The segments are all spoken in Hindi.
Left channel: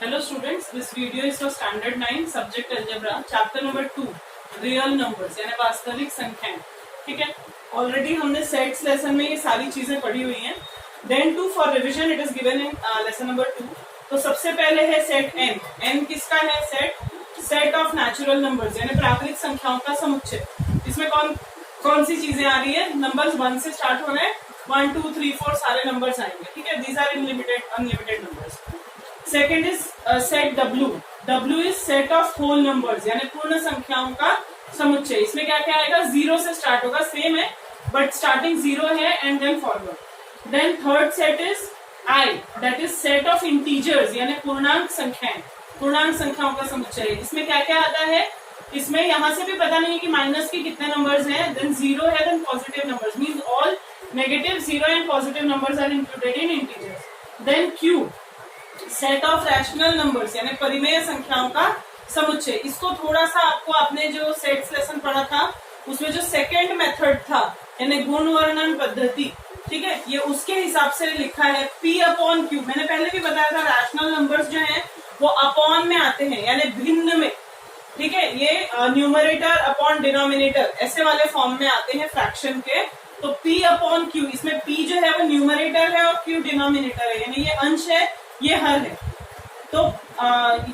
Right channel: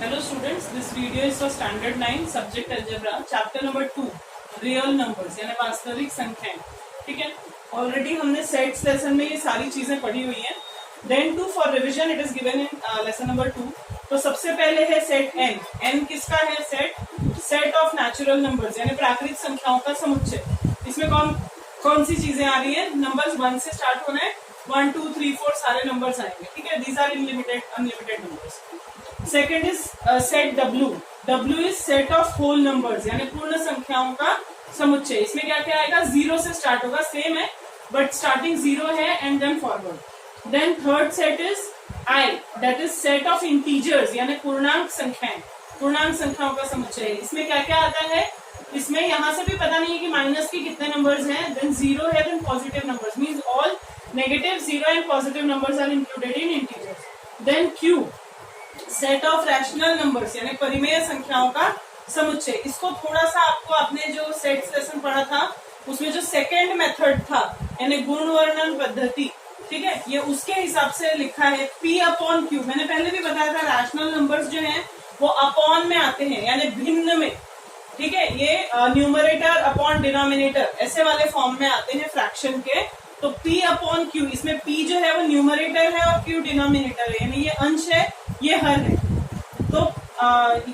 Hello students, this video is for standard 9 subject algebra chapter number 2 real numbers यानी वास्तविक संख्याएं। ठीक है, ऑलरेडी हमने सेट्स लेसन में ये सारी चीजें पढ़ी हुई हैं। Then to for revision it is given in lesson number 2। तो सबसे पहले है सेट n। n किसका है? सेट ऑफ नेचुरल नंबर्स यानी प्राकृतिक संख्याओं का समुच्चय। इसमें कौन सी चीजें आ रही है? नंबर्स 1 से स्टार्ट होना है, 1 2 3 4 सारे नंबर्स आएंगे। ठीक है, these are unlimited numbers. Second is set W। W is set of whole numbers यानी पूर्ण संख्याओं का समुच्चय। इसमें क्या क्या आएगा? 0 से स्टार्ट होगा, सेम है बट स्टार्टिंग 0 है and then forward. Then third set is I, that is set of integers यानी पूर्णांक संख्याएं, पूर्णांक संख्याओं का समुच्चय। इसमें क्या क्या आता है? इसमें यहां से भी पता नहीं है कि माइनस के कितने नंबर्स हैं। देन 0 है, then positive numbers means all negative, 0 and positive numbers are included in integers. Then Q, set of rational numbers यानी परिमेय संख्याओं का समुच्चय। इसको थोड़ा सा आपको आपने जो सेट्स लेसन पढ़ा था उसमें जो सेकेंड मेथड था यानी गुण वर्णन पद्धति, ठीक है, ये उसके हिसाब से लिखा है P/Q। मैंने पहले भी बताया था रैशनल नंबर्स जो हैं वो अपॉन में आते हैं यानी भिन्न में। ठीक है, ये न्यूमरेटर अपॉन डिनोमिनेटर ऐसे वाले फॉर्म में आते हैं फ्रैक्शन के। तो P/Q, इसमें P जो है वो न्यूमरेटर है और Q डिनोमिनेटर है यानी ये अंश है, ये हर है। तो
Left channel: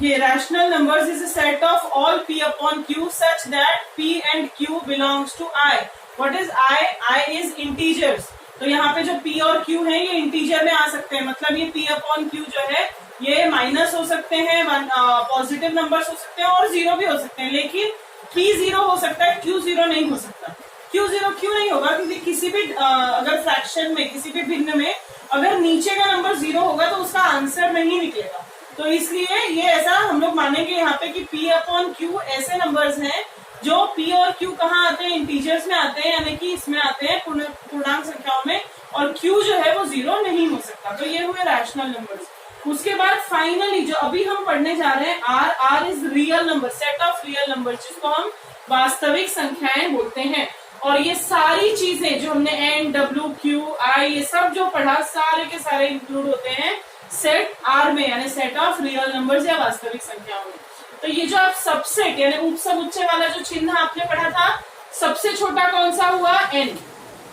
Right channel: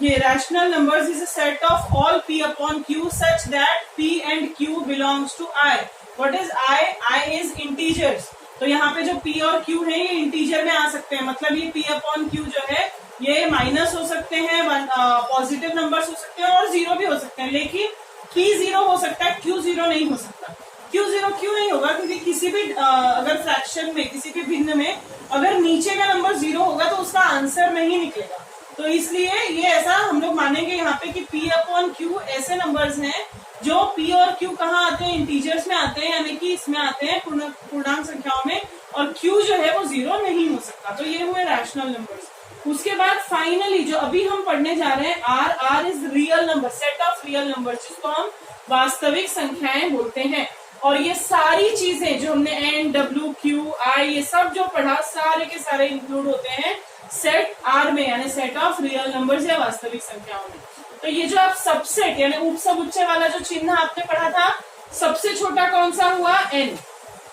ये rational numbers is a set of all P/Q such that P and Q belongs to I। What is I? I is integers. तो यहाँ पे जो P और Q है ये इंटीजर में आ सकते हैं, मतलब ये P/Q जो है ये माइनस हो सकते हैं, पॉजिटिव नंबर्स हो सकते हैं और 0 भी हो सकते हैं, लेकिन P 0 हो सकता है, Q 0 नहीं हो सकता। Q 0 क्यों नहीं होगा? क्योंकि किसी भी अगर फ्रैक्शन में, किसी भी भिन्न में अगर नीचे का नंबर 0 होगा तो उसका आंसर नहीं निकलेगा। तो इसलिए ये ऐसा हम लोग मानेंगे यहाँ पे कि P/Q ऐसे नंबर्स हैं जो P और Q कहाँ आते हैं? इंटीजर्स में आते हैं यानी कि इसमें आते हैं पूर्णांक संख्याओं में, और Q जो है वो 0 नहीं हो सकता। तो ये हुए रैशनल नंबर्स। उसके बाद फाइनली जो अभी हम पढ़ने जा रहे हैं R is real number, set of real number, जिसको हम वास्तविक संख्याएं बोलते हैं। और ये सारी चीजें जो हमने N, W, Q, I ये सब जो पढ़ा सारे के सारे इंक्लूड होते हैं सेट R में यानी सेट ऑफ रियल नंबर्स या वास्तविक संख्याओं में। तो ये जो आप सबसेट यानी उप समुच्चय वाला जो चिन्ह आपने पढ़ा था, सबसे छोटा कौन सा हुआ? N।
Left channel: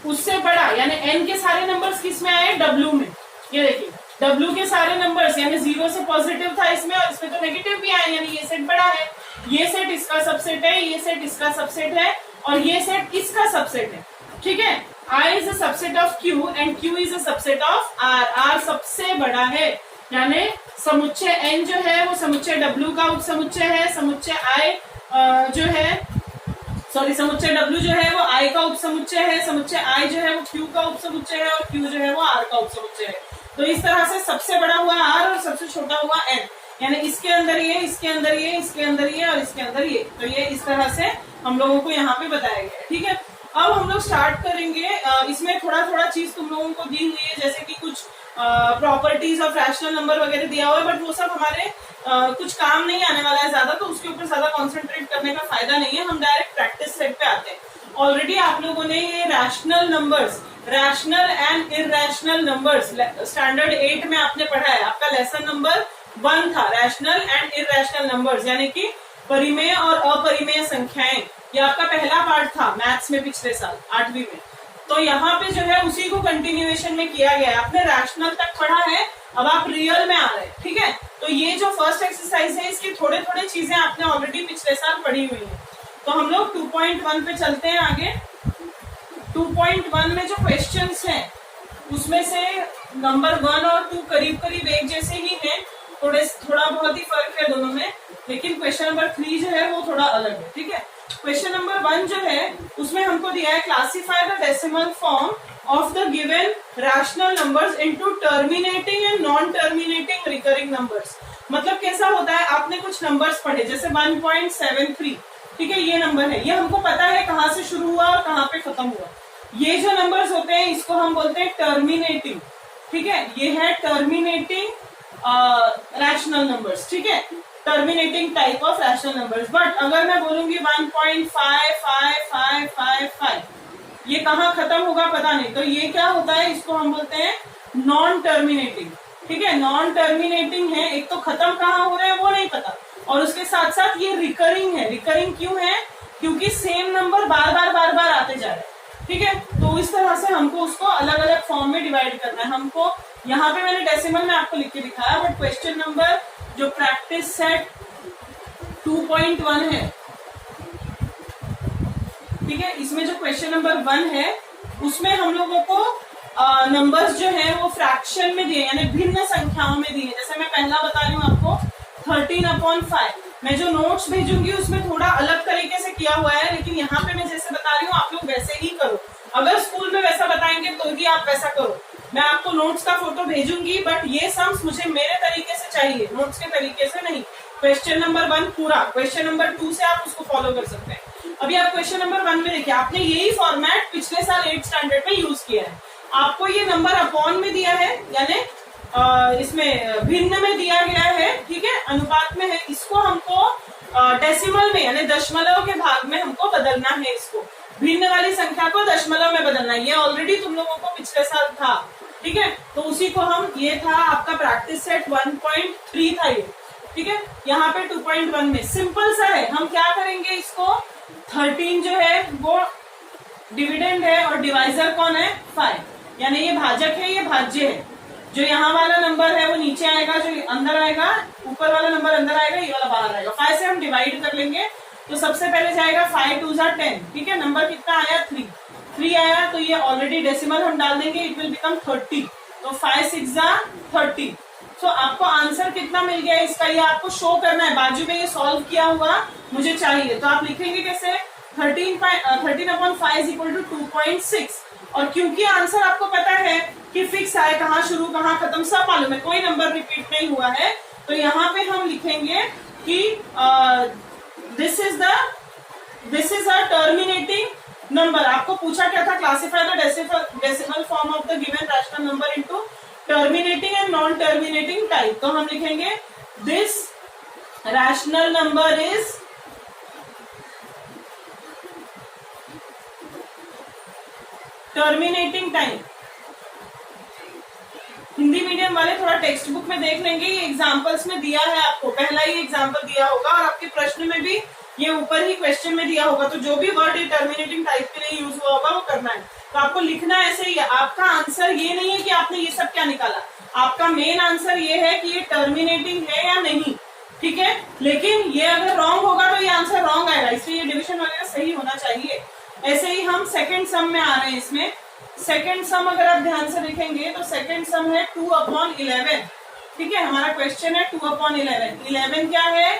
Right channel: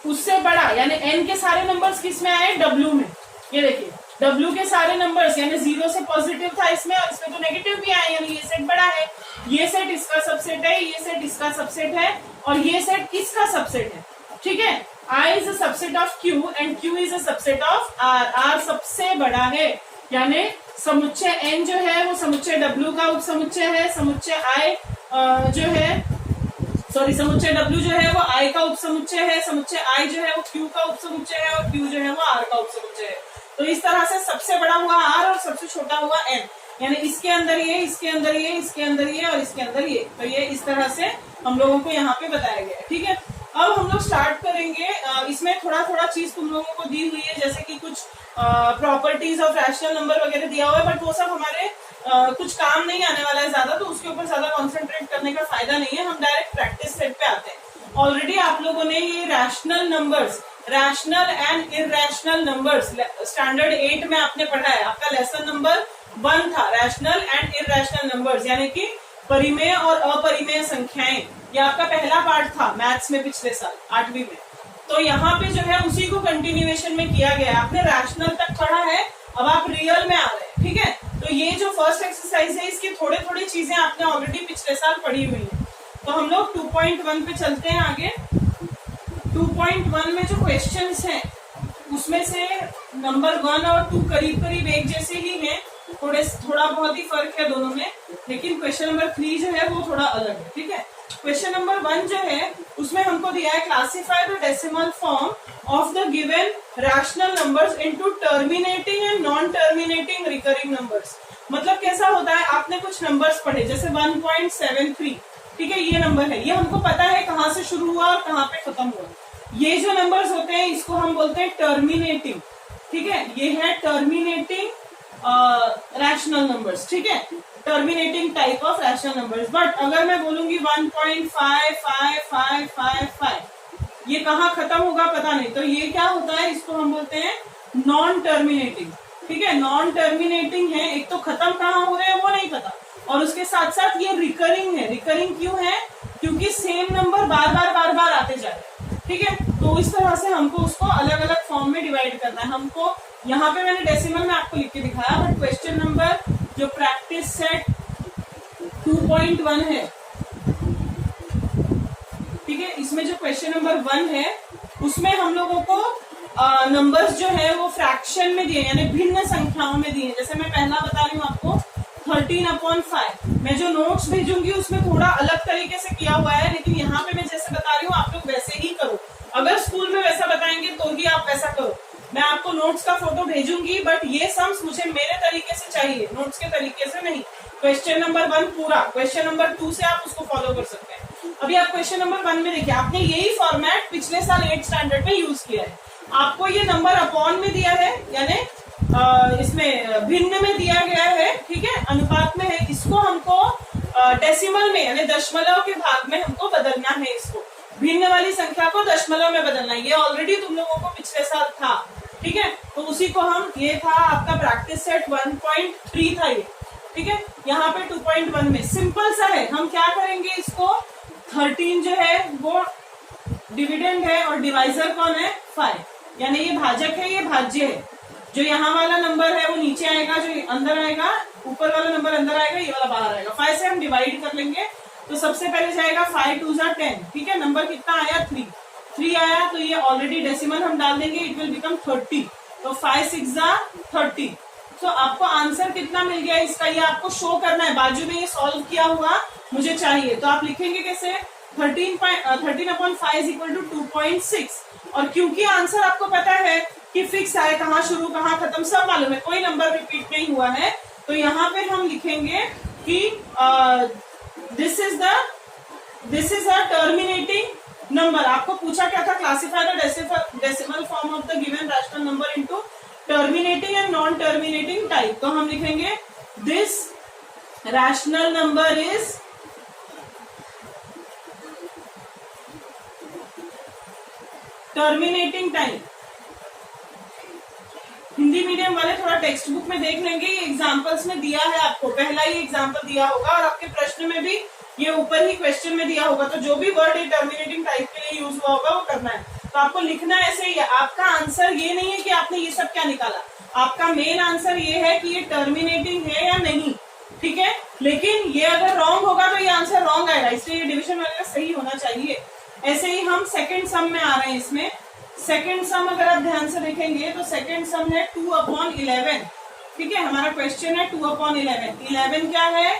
उससे बड़ा यानी N के सारे नंबर्स किस में आए? W में। ये देखिए W के सारे नंबर्स यानी 0 से पॉजिटिव था इसमें, और इसमें तो नेगेटिव भी आए यानी ये सेट बड़ा है। ये सेट इसका सबसेट है, ये सेट इसका सबसेट है, और ये सेट किसका सबसेट है? ठीक है, I is a subset of Q and Q is a subset of R। R सबसे बड़ा है यानी समुच्चय N जो है वो समुच्चय W का उप समुच्चय है, समुच्चय I जो है समुच्चय W जो है वो I का उप समुच्चय है, समुच्चय I जो है वो Q का उप समुच्चय है, और Q जो है वो R का उप समुच्चय है। तो इस तरह से सबसे बड़ा हुआ R और सबसे छोटा हुआ N, यानी इसके अंदर ये, इसके अंदर ये, इसके अंदर ये और इसके अंदर ये। तो ये इस तरह से हम लोगों को यहाँ पे बताया गया है। ठीक है, अब हम लोग स्टार्ट करेंगे। इसमें थोड़ा थोड़ा चीज तुम लोगों को दी हुई है, जैसे कि कुछ प्रॉपर्टीज ऑफ रैशनल नंबर वगैरह दिया हुआ है, बट वो सब हमारे कुछ काम नहीं आने वाला है ज्यादा, तो उसके ऊपर ज्यादा कॉन्सेंट्रेट करने का फायदा नहीं है। हम डायरेक्ट प्रैक्टिस सेट पे आते हैं। ऑलरेडी आप लोगों ने ये rational numbers, rational and irrational numbers standard 8 में आपने पढ़ा है। आपका लेसन नंबर 1 था रैशनल एंड इरैशनल नंबर्स यानी कि परिमेय और अपरिमेय संख्याएं। ये आपका पहला पार्ट था मैथ्स में पिछले साल 8वीं में। तो यहाँ पे जो है उसी को कंटिन्यूएशन में किया गया है। आपने रैशनल तक पढ़ा है, अब आप रियल में आ रहे हैं। ठीक है, तो ये जो फर्स्ट एक्सरसाइज है इसकी थोड़े थोड़े चीजें आपने ऑलरेडी पिछले साल पढ़ी हुई है। तो हम लोग 2.1 पे चलते हैं आगे। 2.1 में जो क्वेश्चंस हैं उसमें से नंबर 1 और 2 करीब करीब एक जैसे ही हैं, थोड़ा बहुत ही फर्क है दोनों में, लेकिन क्वेश्चन नंबर 3 जो है वो थोड़ा अलग है। ठीक है, क्वेश्चन नंबर 1 जो है उसमें हमको दिया है classify the decimal form of the given rational numbers into terminating and non terminating recurring numbers. मतलब कैसा होता है, आपने कुछ नंबर्स पढ़े जैसे 1.73, ठीक है, ये नंबर है, ये हमको पता है कहाँ से शुरू हुआ और कहाँ पे खत्म हुआ। ये जो नंबर्स होते हैं इसको हम बोलते हैं टर्मिनेटिंग। ठीक है, ये है टर्मिनेटिंग रैशनल नंबर्स। ठीक है, terminating type of rational numbers. But अगर मैं बोलूंगी 1.5555, ये कहाँ खत्म होगा पता नहीं, तो ये क्या होता है, इसको हम बोलते हैं नॉन टर्मिनेटिंग। ठीक है, नॉन टर्मिनेटिंग है, एक तो खत्म कहाँ हो रहा है वो नहीं पता, और उसके साथ साथ ये रिकरिंग है। रिकरिंग क्यों है? क्योंकि सेम नंबर बार बार आते जा रहे हैं। ठीक है, तो इस तरह से हमको उसको अलग अलग फॉर्म में डिवाइड करना है। हमको यहाँ पे मैंने डेसिमल में आपको लिख के दिखाया, बट क्वेश्चन नंबर जो प्रैक्टिस सेट 2.1 है, ठीक है, इसमें जो क्वेश्चन नंबर 1 है उसमें हम लोगों को नंबर्स जो है वो फ्रैक्शन में दिए, यानी भिन्न संख्याओं में दिए। जैसे मैं पहला बता रही हूँ आपको 13/5। मैं जो नोट्स भेजूंगी उसमें थोड़ा अलग तरीके से किया हुआ है, लेकिन यहाँ पे मैं जैसे बता रही हूँ आप लोग वैसे ही करो। अगर स्कूल में वैसा बताएंगे तो भी आप वैसा करो। मैं आपको नोट्स का फोटो भेजूंगी, बट ये सम्स मुझे मेरे तरीके से चाहिए, नोट्स के तरीके से नहीं। क्वेश्चन नंबर 1 पूरा, क्वेश्चन नंबर 2 से आप उसको फॉलो कर सकते हैं। अभी आप क्वेश्चन नंबर 1 में देखिए, आपने यही फॉर्मेट पिछले साल 8th स्टैंडर्ड में यूज किया है। आपको ये नंबर अपॉन में दिया है, यानी इसमें भिन्न में दिया गया है, ठीक है, अनुपात में है। इसको हमको डेसिमल में यानी दशमलव के भाग में हमको बदलना है। इसको भिन्न वाली संख्या को दशमलव में बदलना है। ये ऑलरेडी तुम लोगों को पिछले साल था, ठीक है, तो उसी को हम, ये था आपका प्रैक्टिस सेट 1.3 था ये, ठीक है। यहाँ पे 2.1 में सिंपल सा है, हम क्या करेंगे, इसको 13 जो है वो डिविडेंड है और डिवाइजर कौन है 5, यानी ये भाजक है, ये भाज्य है। जो यहाँ वाला नंबर है वो नीचे आएगा, जो अंदर आएगा, ऊपर वाला नंबर अंदर आएगा, ये वाला बाहर आएगा। 5 से हम डिवाइड कर लेंगे, तो सबसे पहले जाएगा 5 2 10, ठीक है। नंबर कितना आया 3 आया, तो ये ऑलरेडी डेसिमल हम डाल देंगे, इट विल बिकम 30। तो 5 6 30। तो आपको आंसर कितना मिल गया इसका, ये आपको शो करना है, बाजू में ये सॉल्व किया हुआ मुझे चाहिए। तो आप लिखेंगे कैसे, 13/5 इज इक्वल टू 2.6। और क्योंकि आंसर आपको पता है कि फिक्स है, कहाँ शुरू कहाँ खत्म सब मालूम है, कोई नंबर रिपीट नहीं हुआ है, तो यहाँ पे हम लिखेंगे कि this is a terminating number. आपको पूछा क्या था, classify the decimal form of the given rational number into terminating and non terminating type. तो हम लिखेंगे this rational number is terminating time. Hindi medium वाले थोड़ा टेक्स्ट बुक में देख लेंगे, ये एग्जांपल्स में दिया है आपको, पहला ही एग्जांपल दिया होगा और आपके प्रश्न में भी ये ऊपर ही क्वेश्चन में दिया होगा। तो जो भी वर्ड टर्मिनेटिंग टाइप के लिए यूज हुआ होगा वो करना है। तो आपको लिखना ऐसे ही है। आपका आंसर ये नहीं है कि आपने ये सब क्या निकाला, आपका मेन आंसर ये है कि ये टर्मिनेटिंग है या नहीं, ठीक है। लेकिन ये अगर रॉन्ग होगा तो ये आंसर रॉन्ग आएगा, इसलिए ये डिविजन वगैरह सही होना चाहिए। ऐसे ही हम सेकंड सम में आ रहे हैं। इसमें सेकंड सम अगर आप ध्यान से देखेंगे तो सेकंड सम है 2/11, ठीक है। हमारा क्वेश्चन है 2/11। 11 क्या है,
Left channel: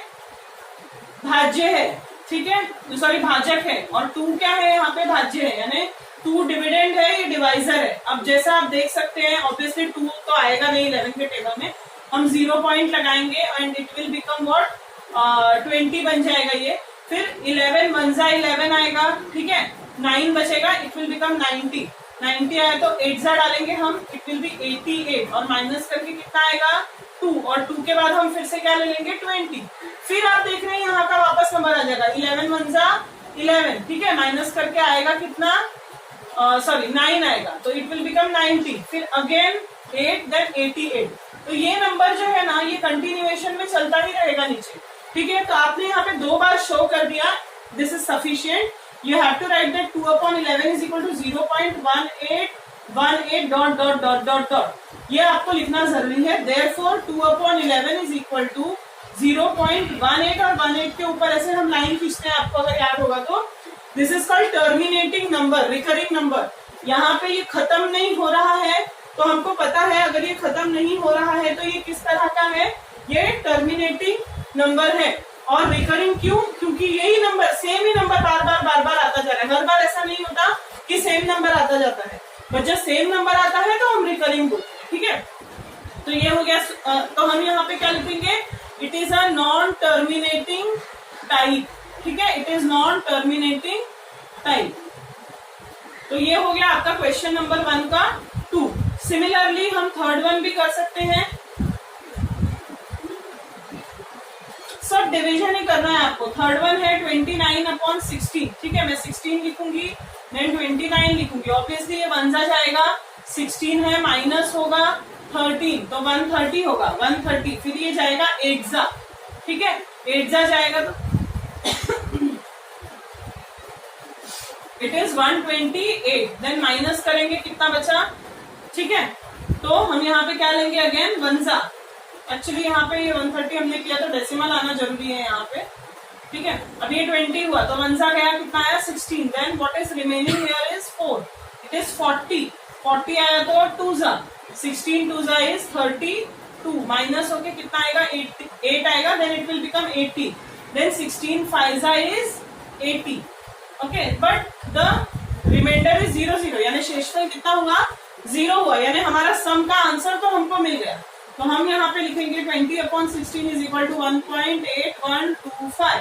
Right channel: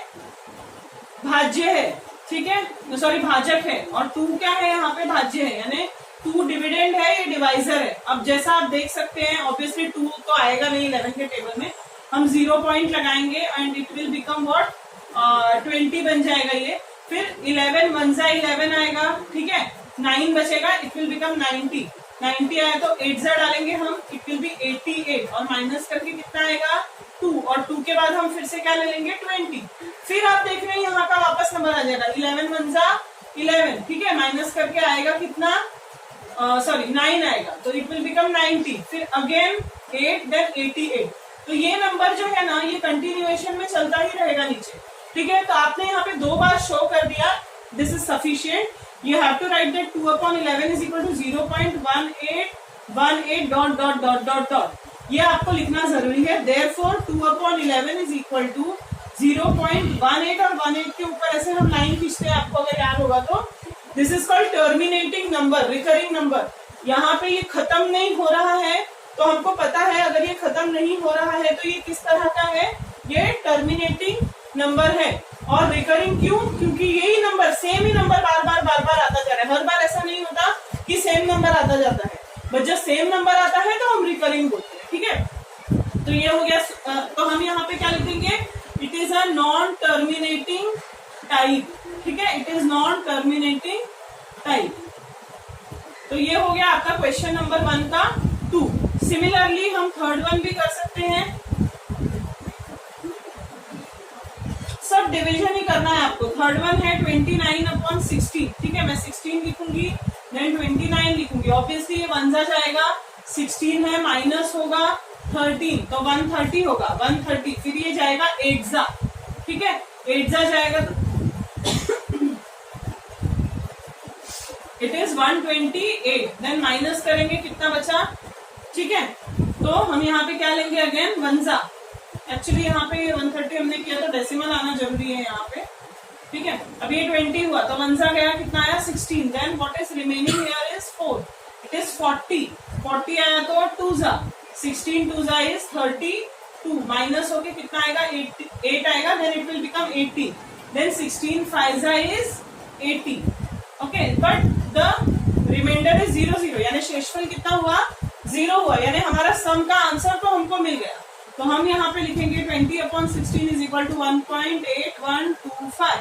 भाज्य है, ठीक है, सॉरी भाजक है, और 2 क्या है यहाँ पे, भाज्य है, यानी 2 डिविडेंड है, ये डिवाइजर है। अब जैसा आप देख सकते हैं ऑब्वियसली 2 तो आएगा नहीं 11 के टेबल में, हम 0 पॉइंट लगाएंगे and it will become what 20 बन जाएगा ये। फिर 11 1 11 आएगा, ठीक है, 9 बचेगा, इट विल बिकम 90 आया तो 8 डालेंगे हम, इट विल बी 88, और माइनस करके कितना आएगा 2, और 2 के बाद हम फिर से क्या ले लेंगे 20। फिर आप देख रहे हैं यहाँ का वापस नंबर आ जाएगा 11 1 11, ठीक है, माइनस करके आएगा कितना, सॉरी 9 आएगा, तो इट विल बिकम 90। फिर अगेन 8 देन 88। तो ये नंबर जो है ना ये कंटिन्यूएशन में चलता ही रहेगा नीचे, ठीक है। तो आपने यहाँ पे 2 बार शो कर दिया, this is sufficient. You have to write that 2/11 is equal to 0.1818 dot dot dot dot dot, ये आपको लिखना जरूरी है। Therefore 2/11 is equal to 0.18, और 18 के ऊपर ऐसे हम लाइन खींचते हैं, आपको अगर याद होगा तो। This is called terminating number, recurring number. यहाँ पे ये खत्म नहीं हो रहा है, तो हमको पता है अगर ये खत्म नहीं हो रहा है तो ये किस तरह का है, ये टर्मिनेटिंग नंबर है। और रिकरिंग क्यों, क्योंकि यही नंबर, सेम ही नंबर बार बार आता जा रहा है। हर बार ऐसा नहीं होता कि सेम नंबर आता जाता है, बट जब सेम नंबर आता है तो हम रिकरिंग बोलते हैं, ठीक है। तो ये हो गया। तो हम यहाँ पे क्या लिखेंगे, it is a non terminating type, ठीक है, it is non terminating type. तो ये हो गया आपका क्वेश्चन नंबर 1 का 2। सिमिलरली हम थर्ड वन भी कर सकते हैं, सब डिवीजन ही करना है आपको। थर्ड वन है 29/16, ठीक है, मैं 16 लिखूंगी देन 29 लिखूंगी। ऑब्वियसली ये 1 जाएगा, 16 है, माइनस होगा, 13, तो 130 होगा 130, फिर ये जाएगा 8 जा, ठीक है 8 जा जाएगा तो इट इज 128, देन माइनस करेंगे कितना बचा, ठीक है तो हम यहाँ पे क्या लेंगे अगेन 1 जा, एक्चुअली यहाँ पे 130 हमने किया तो डेसिमल आना जरूरी है यहाँ पे, ठीक है अब ये 20 हुआ तो 1 जा गया कितना आया 16, then what is remaining here is 4, it is 40 आया तो 2 जा, 16 2 जा इज 32, माइनस होके कितना आएगा 8 आएगा, then it will become 80, then 16 5 जा is 80, okay but the reminder is 0 यानी शेषफल कितना हुआ 0 हुआ, यानी हमारा सम का आंसर तो हमको मिल गया, तो हम यहाँ पे लिखेंगे 20/16 इज इक्वल टू 1.8125,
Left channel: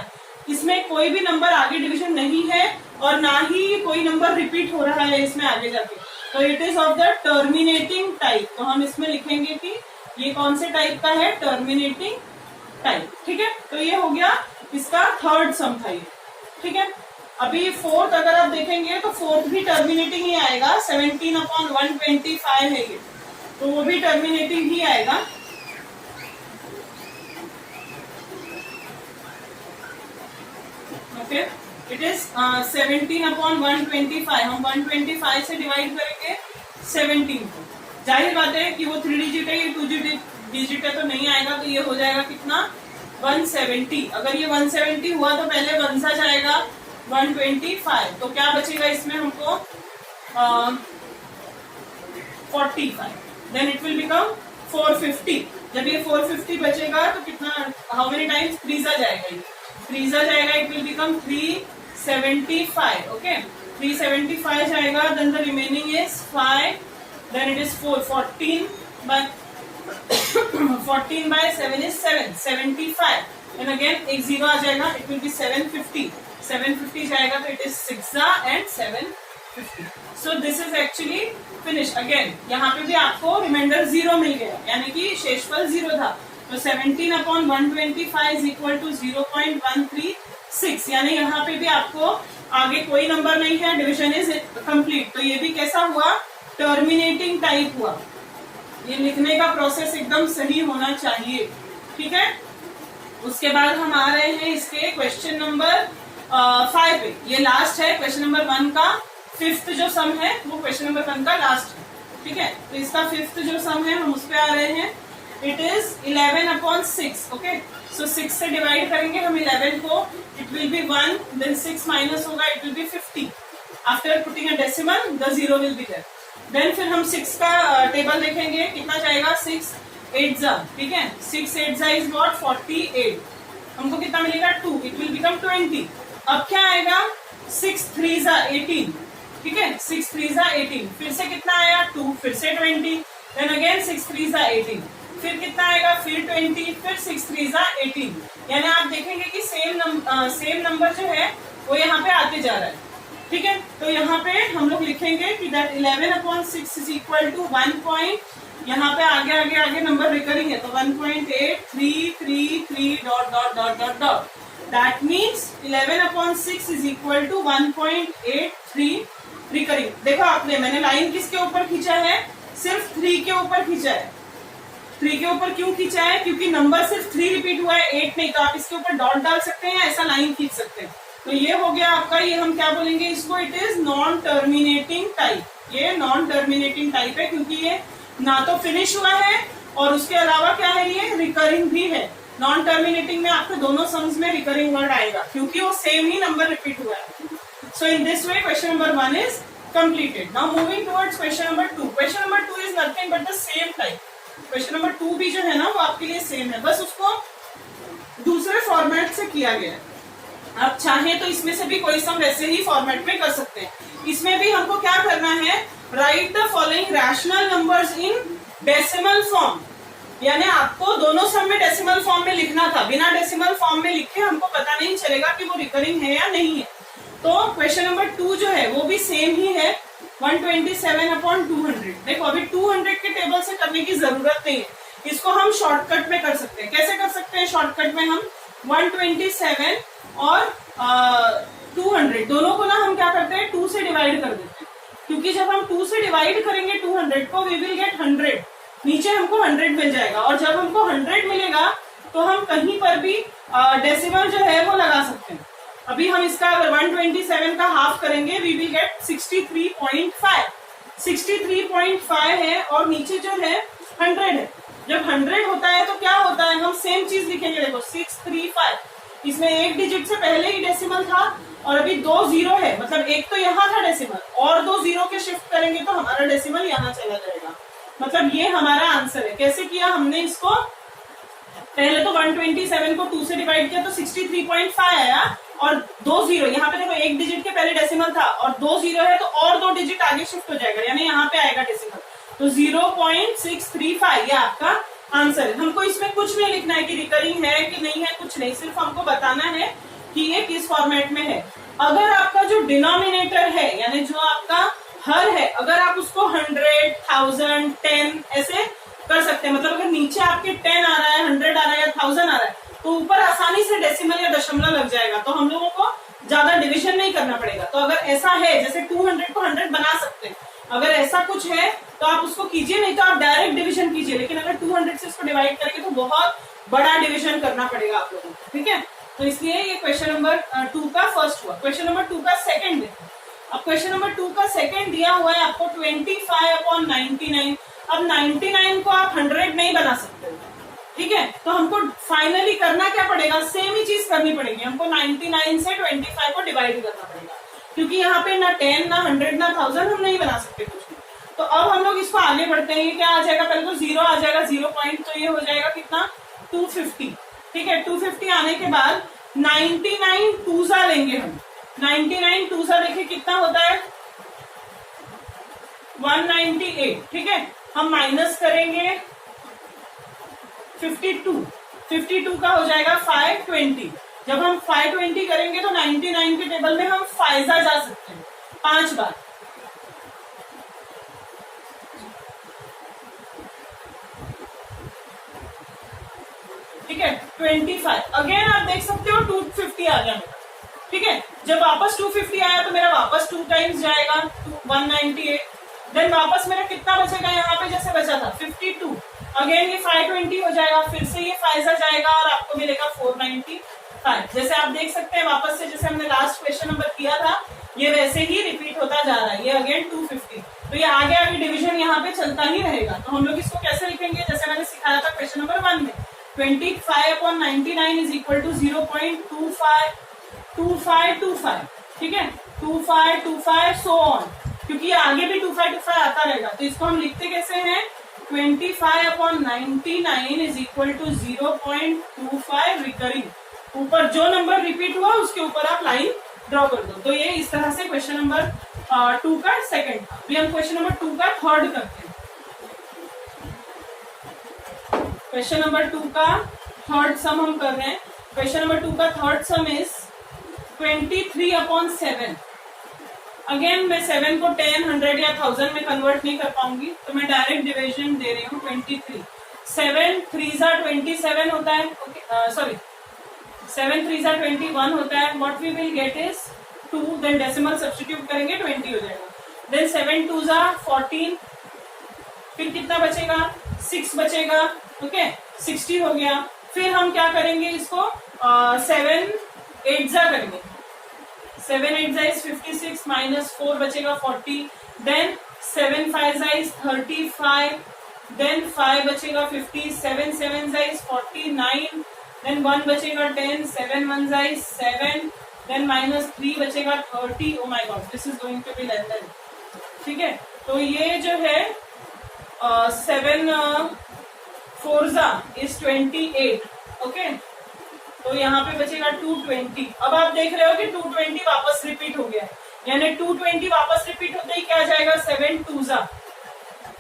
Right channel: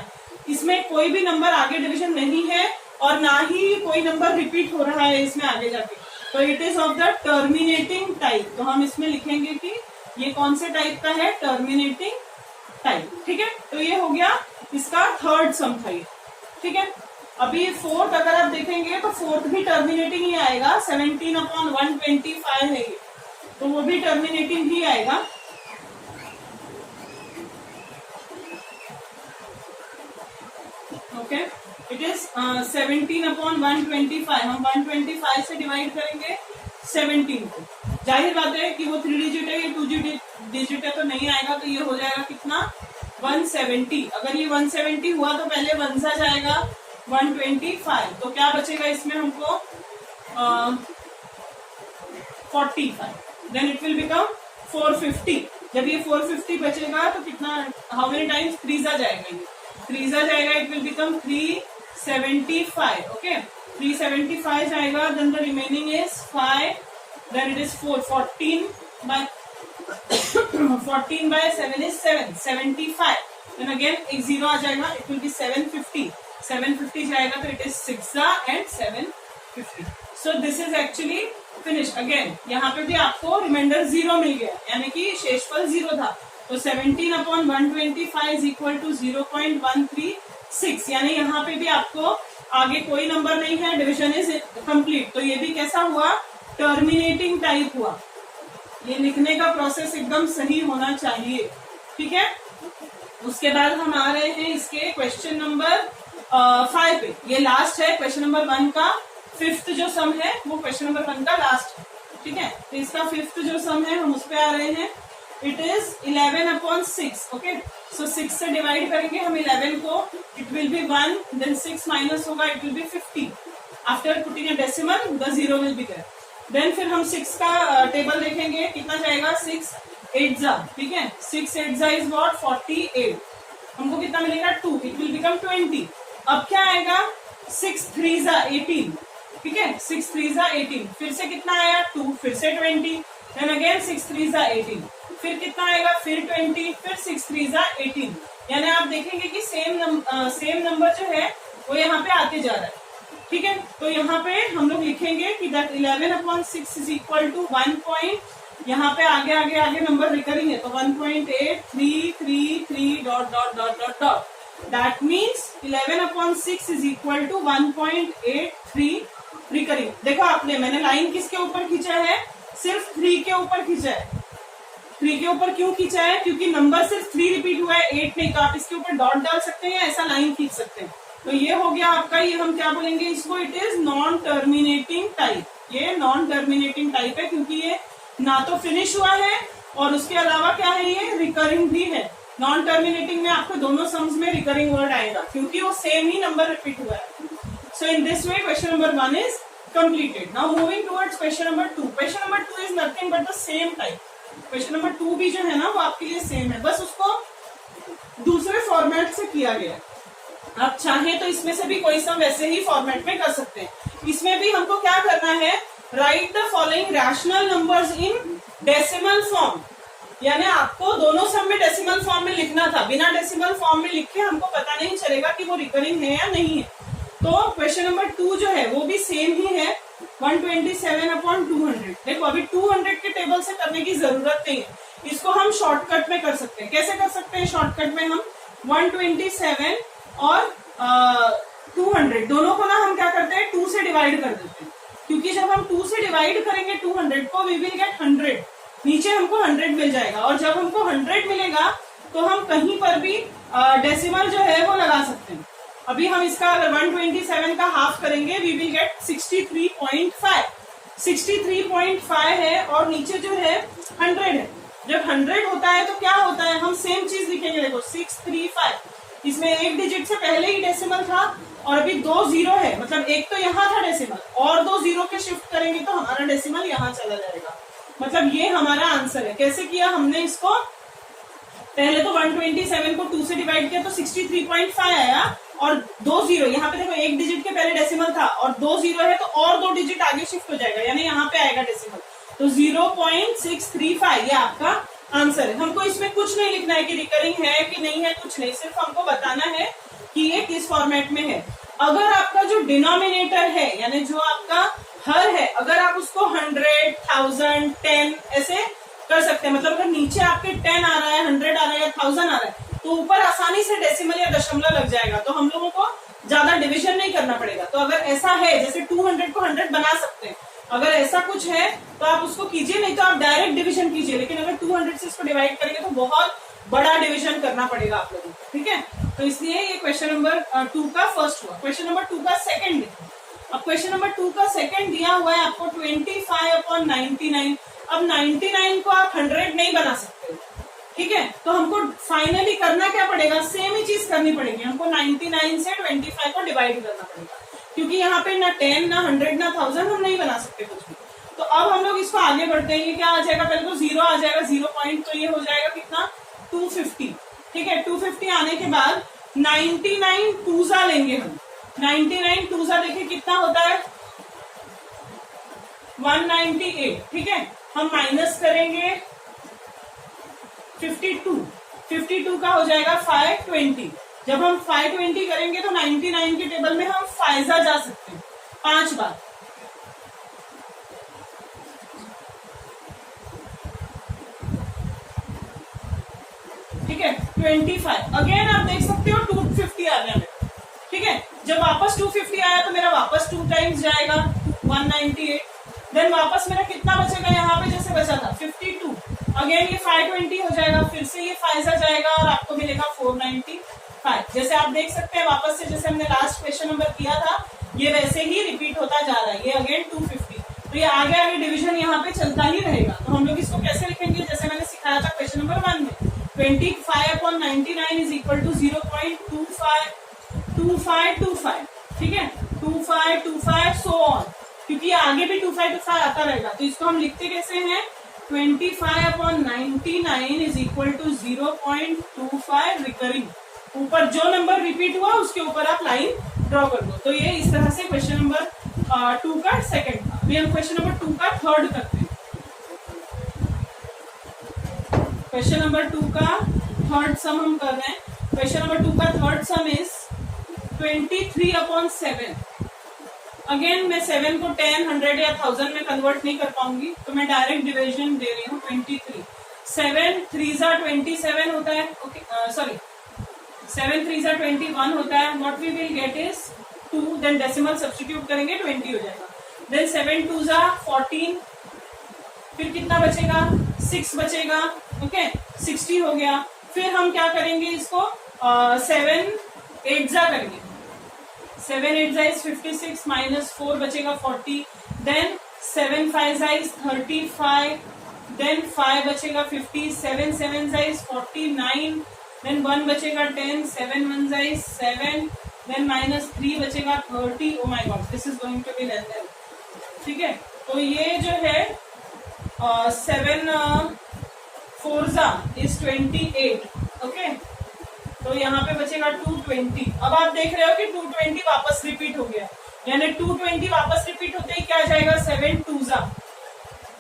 इसमें कोई भी नंबर आगे डिवीजन नहीं है और ना ही कोई नंबर रिपीट हो रहा है इसमें आगे जाके, तो it is of the terminating type, तो हम इसमें लिखेंगे कि ये कौन से टाइप का है, टर्मिनेटिंग टाइप, ठीक है तो ये हो गया इसका थर्ड सम था ये, ठीक है अभी फोर्थ अगर आप देखेंगे तो फोर्थ भी टर्मिनेटिंग ही आएगा, 17/125 है ये, तो वो भी टर्मिनेटिंग ही आएगा, ओके इट इज 17/125, हम 125 से डिवाइड करेंगे 17 को, जाहिर बात है कि वो 3 डिजिट है ये 2 डिजिट है तो नहीं आएगा, तो ये हो जाएगा कितना 170, अगर ये 170 हुआ तो पहले 1 सा जाएगा 125, तो क्या बचेगा इसमें हमको 45, देन इट विल बिकम 450, जब ये 450 बचेगा तो कितना हाउ मेनी टाइम्स 3 जा जाएगा, ये 3 जा जाएगा, इट विल बिकम 375, ओके 375 जाएगा, then the remaining is 5, then it is 14 by 7 is 75, and again एक 0 आ जाएगा, it will be 750 जाएगा तो it is 6 and 750, so this is actually finished, again यहाँ पे भी आपको रिमाइंडर 0 मिल गया, यानी कि शेषफल 0 था, तो 17/125 is equal to 0.136, यानी यहाँ पे भी आपको आगे कोई नंबर नहीं है, डिविजन इज कंप्लीट, तो ये भी कैसा हुआ टर्मिनेटिंग टाइप हुआ, ये लिखने का प्रोसेस एकदम सही होना चाहिए, ठीक है उसके बाद हम आ रहे हैं इसके क्वेश्चन नंबर 5 पे, ये लास्ट है क्वेश्चन नंबर 1 का, फिफ्थ जो सम है वो क्वेश्चन नंबर 1 का लास्ट है, ठीक है तो इसका फिफ्थ जो सम है हम उस पे आ रहे हैं, इट इज 11/6, ओके सो 6 से डिवाइड करेंगे हम 11 को, it will be 1, then 6 minus होगा, it will be 50, after putting a decimal the 0 will be there, then फिर हम 6 का टेबल देखेंगे कितना जाएगा 6 8 जा, ठीक है 6 8 जा इज व्हाट 48, हमको कितना मिलेगा 2, इट विल बिकम 20, अब क्या आएगा 6 3 जा 18, ठीक है 6 3 जा 18, फिर से कितना आया 2, फिर से 20, देन अगेन 6 3 जा 18, फिर कितना आएगा फिर 20, फिर 6 3 जा 18, यानी आप देखेंगे कि सेम नंबर जो है वो यहाँ पे आते जा रहा है, ठीक है तो यहाँ पे हम लोग लिखेंगे कि दैट 11/6 इज इक्वल टू 1. यहाँ पे आगे नंबर रिकरिंग है तो 1.8333 dot dot dot dot dot, that means 11/6 is equal to 1.83 recurring, देखो आपने मैंने लाइन किसके ऊपर खींचा है, सिर्फ 3 के ऊपर खींचा है, 3 के ऊपर क्यों खींचा है, क्योंकि नंबर सिर्फ 3 रिपीट हुआ है 8 नहीं, तो आप इसके ऊपर डॉट डाल सकते हैं, ऐसा लाइन खींच सकते हैं, तो ये हो गया आपका, ये हम क्या बोलेंगे इसको, it is non terminating type, ये नॉन टर्मिनेटिंग टाइप है क्योंकि ये ना तो फिनिश हुआ है और उसके अलावा क्या है ये रिकरिंग भी है, नॉन टर्मिनेटिंग में आपको दोनों सम्स में रिकरिंग वर्ड आएगा क्योंकि वो सेम ही नंबर रिपीट हुआ है, so in this way question number 1 is completed, now moving towards question number 2, question number 2 is nothing but the same type, question number 2 भी जो है ना वो आपके लिए सेम है, बस उसको दूसरे फॉर्मेट से किया गया है, आप चाहें तो इसमें से भी कोई सम वैसे ही फॉर्मेट में कर सकते हैं, इसमें भी हमको क्या करना है, right the following rational numbers in decimal form, यानी आपको दोनों सम में डेसिमल फॉर्म में लिखना था, बिना डेसिमल फॉर्म में लिखे हमको पता नहीं चलेगा कि वो रिकरिंग है या नहीं है, तो क्वेश्चन नंबर 2 जो है वो भी सेम ही है 127/200, देखो अभी 200 के टेबल से करने की जरूरत नहीं है, इसको हम शॉर्टकट में कर सकते हैं, कैसे कर सकते हैं शॉर्टकट में, हम 127 और 200 दोनों को ना हम क्या करते हैं 2 से डिवाइड कर देते हैं, क्योंकि जब हम 2 से डिवाइड करेंगे 200 को वी विल गेट 100, नीचे हमको 100 मिल जाएगा, और जब हमको 100 मिलेगा तो हम कहीं पर भी डेसिमल जो है वो लगा सकते हैं। अभी हम इसका अगर 127 का हाफ करेंगे वी विल गेट 63.5। 63.5 है और नीचे जो है 100 है। जब 100 होता है तो क्या होता है, हम सेम चीज लिखेंगे। देखो 635, इसमें एक डिजिट से पहले ही डेसिमल था और अभी 2 जीरो है, मतलब एक तो यहाँ था डेसिमल और 2 जीरो के शिफ्ट करेंगे तो हमारा डेसिमल यहाँ चला जाएगा। मतलब ये हमारा आंसर है। कैसे किया हमने इसको, पहले तो 127 को 2 से डिवाइड किया तो 63.5 आया, और 2 जीरो यहाँ पे देखो, एक डिजिट के पहले डेसिमल था और 2 जीरो है तो और 2 डिजिट आगे शिफ्ट हो जाएगा, यानी यहाँ पे आएगा डेसिमल, तो 0.635 ये आपका आंसर है। हमको इसमें कुछ नहीं लिखना है कि रिकरिंग है कि नहीं है, कुछ नहीं, सिर्फ हमको बताना है कि ये किस फॉर्मेट में है। अगर आपका जो डिनोमिनेटर है यानी जो आपका हर है, अगर आप उसको 100, 1000, 10 ऐसे कर सकते हैं, मतलब अगर नीचे आपके 10 आ रहा है, 100 आ रहा है या 1000 आ रहा है तो ऊपर आसानी से डेसिमल या दशमलव लग जाएगा, तो हम लोगों को ज्यादा डिवीजन नहीं करना पड़ेगा। तो अगर ऐसा है, जैसे 200 को 100 बना सकते हैं, अगर ऐसा कुछ है तो आप उसको कीजिए, नहीं तो आप डायरेक्ट डिवीजन कीजिए। लेकिन अगर 200 से इसको डिवाइड करेंगे तो बहुत बड़ा डिवीजन करना पड़ेगा आप लोगों को, ठीक है। तो इसलिए ये क्वेश्चन नंबर 2 का फर्स्ट हुआ। क्वेश्चन नंबर 2 का सेकंड देखो। अब क्वेश्चन नंबर 2 का सेकंड दिया हुआ है आपको 25/99। अब 99 को आप 100 नहीं बना सकते, ठीक है। तो हमको फाइनली करना क्या पड़ेगा, सेम ही चीज करनी पड़ेगी। हमको 99 से 25 को डिवाइड करना पड़ेगा, क्योंकि यहाँ पे ना 10 ना 100 ना 1000 हम नहीं बना सकते कुछ भी। तो अब हम लोग इसको आगे बढ़ते हैं। ये क्या आ जाएगा, पहले तो 0 आ जाएगा, 0 पॉइंट, तो ये हो जाएगा कितना 250, ठीक है। 250 आने के बाद 99 टूजा लेंगे हम। 99 टूजा देखिए कितना होता है 198, ठीक है। हम माइनस करेंगे 52 का हो जाएगा 520। जब हम 520 करेंगे तो 99 के टेबल में हम फायजा जा सकते हैं 5 बार, ठीक है। 25 अगेन आप देख सकते हो 250 आ गया मेरा, ठीक है। जब वापस 250 आया तो मेरा वापस 2 टाइम्स जाएगा 198, देन वापस मेरा कितना बचेगा यहाँ पे जैसे बचा था 52, अगेन ये 520 हो जाएगा, फिर से ये फायजा जाएगा और आपको मिलेगा 495। जैसे आप देख सकते हैं वापस से जैसे हमने लास्ट क्वेश्चन नंबर किया था ये वैसे ही रिपीट होता जा रहा है। ये अगेन 250, तो ये आगे आगे डिवीजन यहाँ पे चलता ही रहेगा। तो हम लोग इसको कैसे लिखेंगे, जैसे मैंने सिखाया था क्वेश्चन नंबर 1 में, 25/99 इज इक्वल टू 0.2525, ठीक है, 2525 सो ऑन, क्योंकि आगे भी 2525 आता रहेगा। तो इसको हम लिखते कैसे हैं, 25/99 इज इक्वल टू 0.25 रिकरिंग। ऊपर जो नंबर रिपीट हुआ उसके ऊपर आप लाइन ड्रॉ कर दो। तो ये इस तरह से क्वेश्चन नंबर 2 का सेकंड था। अभी हम क्वेश्चन नंबर 2 का थर्ड करते हैं। क्वेश्चन नंबर 2 का थर्ड सम हम कर रहे हैं। क्वेश्चन नंबर 2 का थर्ड सम इज 23/7। अगेन मैं 7 को 10, 100 या 1000 में कन्वर्ट नहीं कर पाऊंगी, तो मैं डायरेक्ट डिवीजन दे रही हूँ 23। 7 3 27 होता है, ओके, सॉरी 7 3 21 होता है। What we will get is 2, then decimal substitute करेंगे 20 हो जाएगा। देन 7 2 14, फिर कितना बचेगा 6 बचेगा, ओके 60 हो गया। फिर हम क्या करेंगे इसको 7 8 करेंगे, 7 8 इज 56 माइनस 4 बचेगा 40, देन 7 5 इज 35, देन 5 बचेगा 50, 7 7 इज 49, देन 1 बचेगा 10, 7 1 इज 7, देन माइनस 3 बचेगा 30। Oh my god, this is going to be less than, ठीक है। तो ये जो है 7 4 इज 28, ओके। तो यहाँ पे बचेगा 220। अब आप देख रहे हो कि 220 वापस रिपीट हो गया, यानी 220 वापस रिपीट होते ही क्या आ जाएगा 7 2,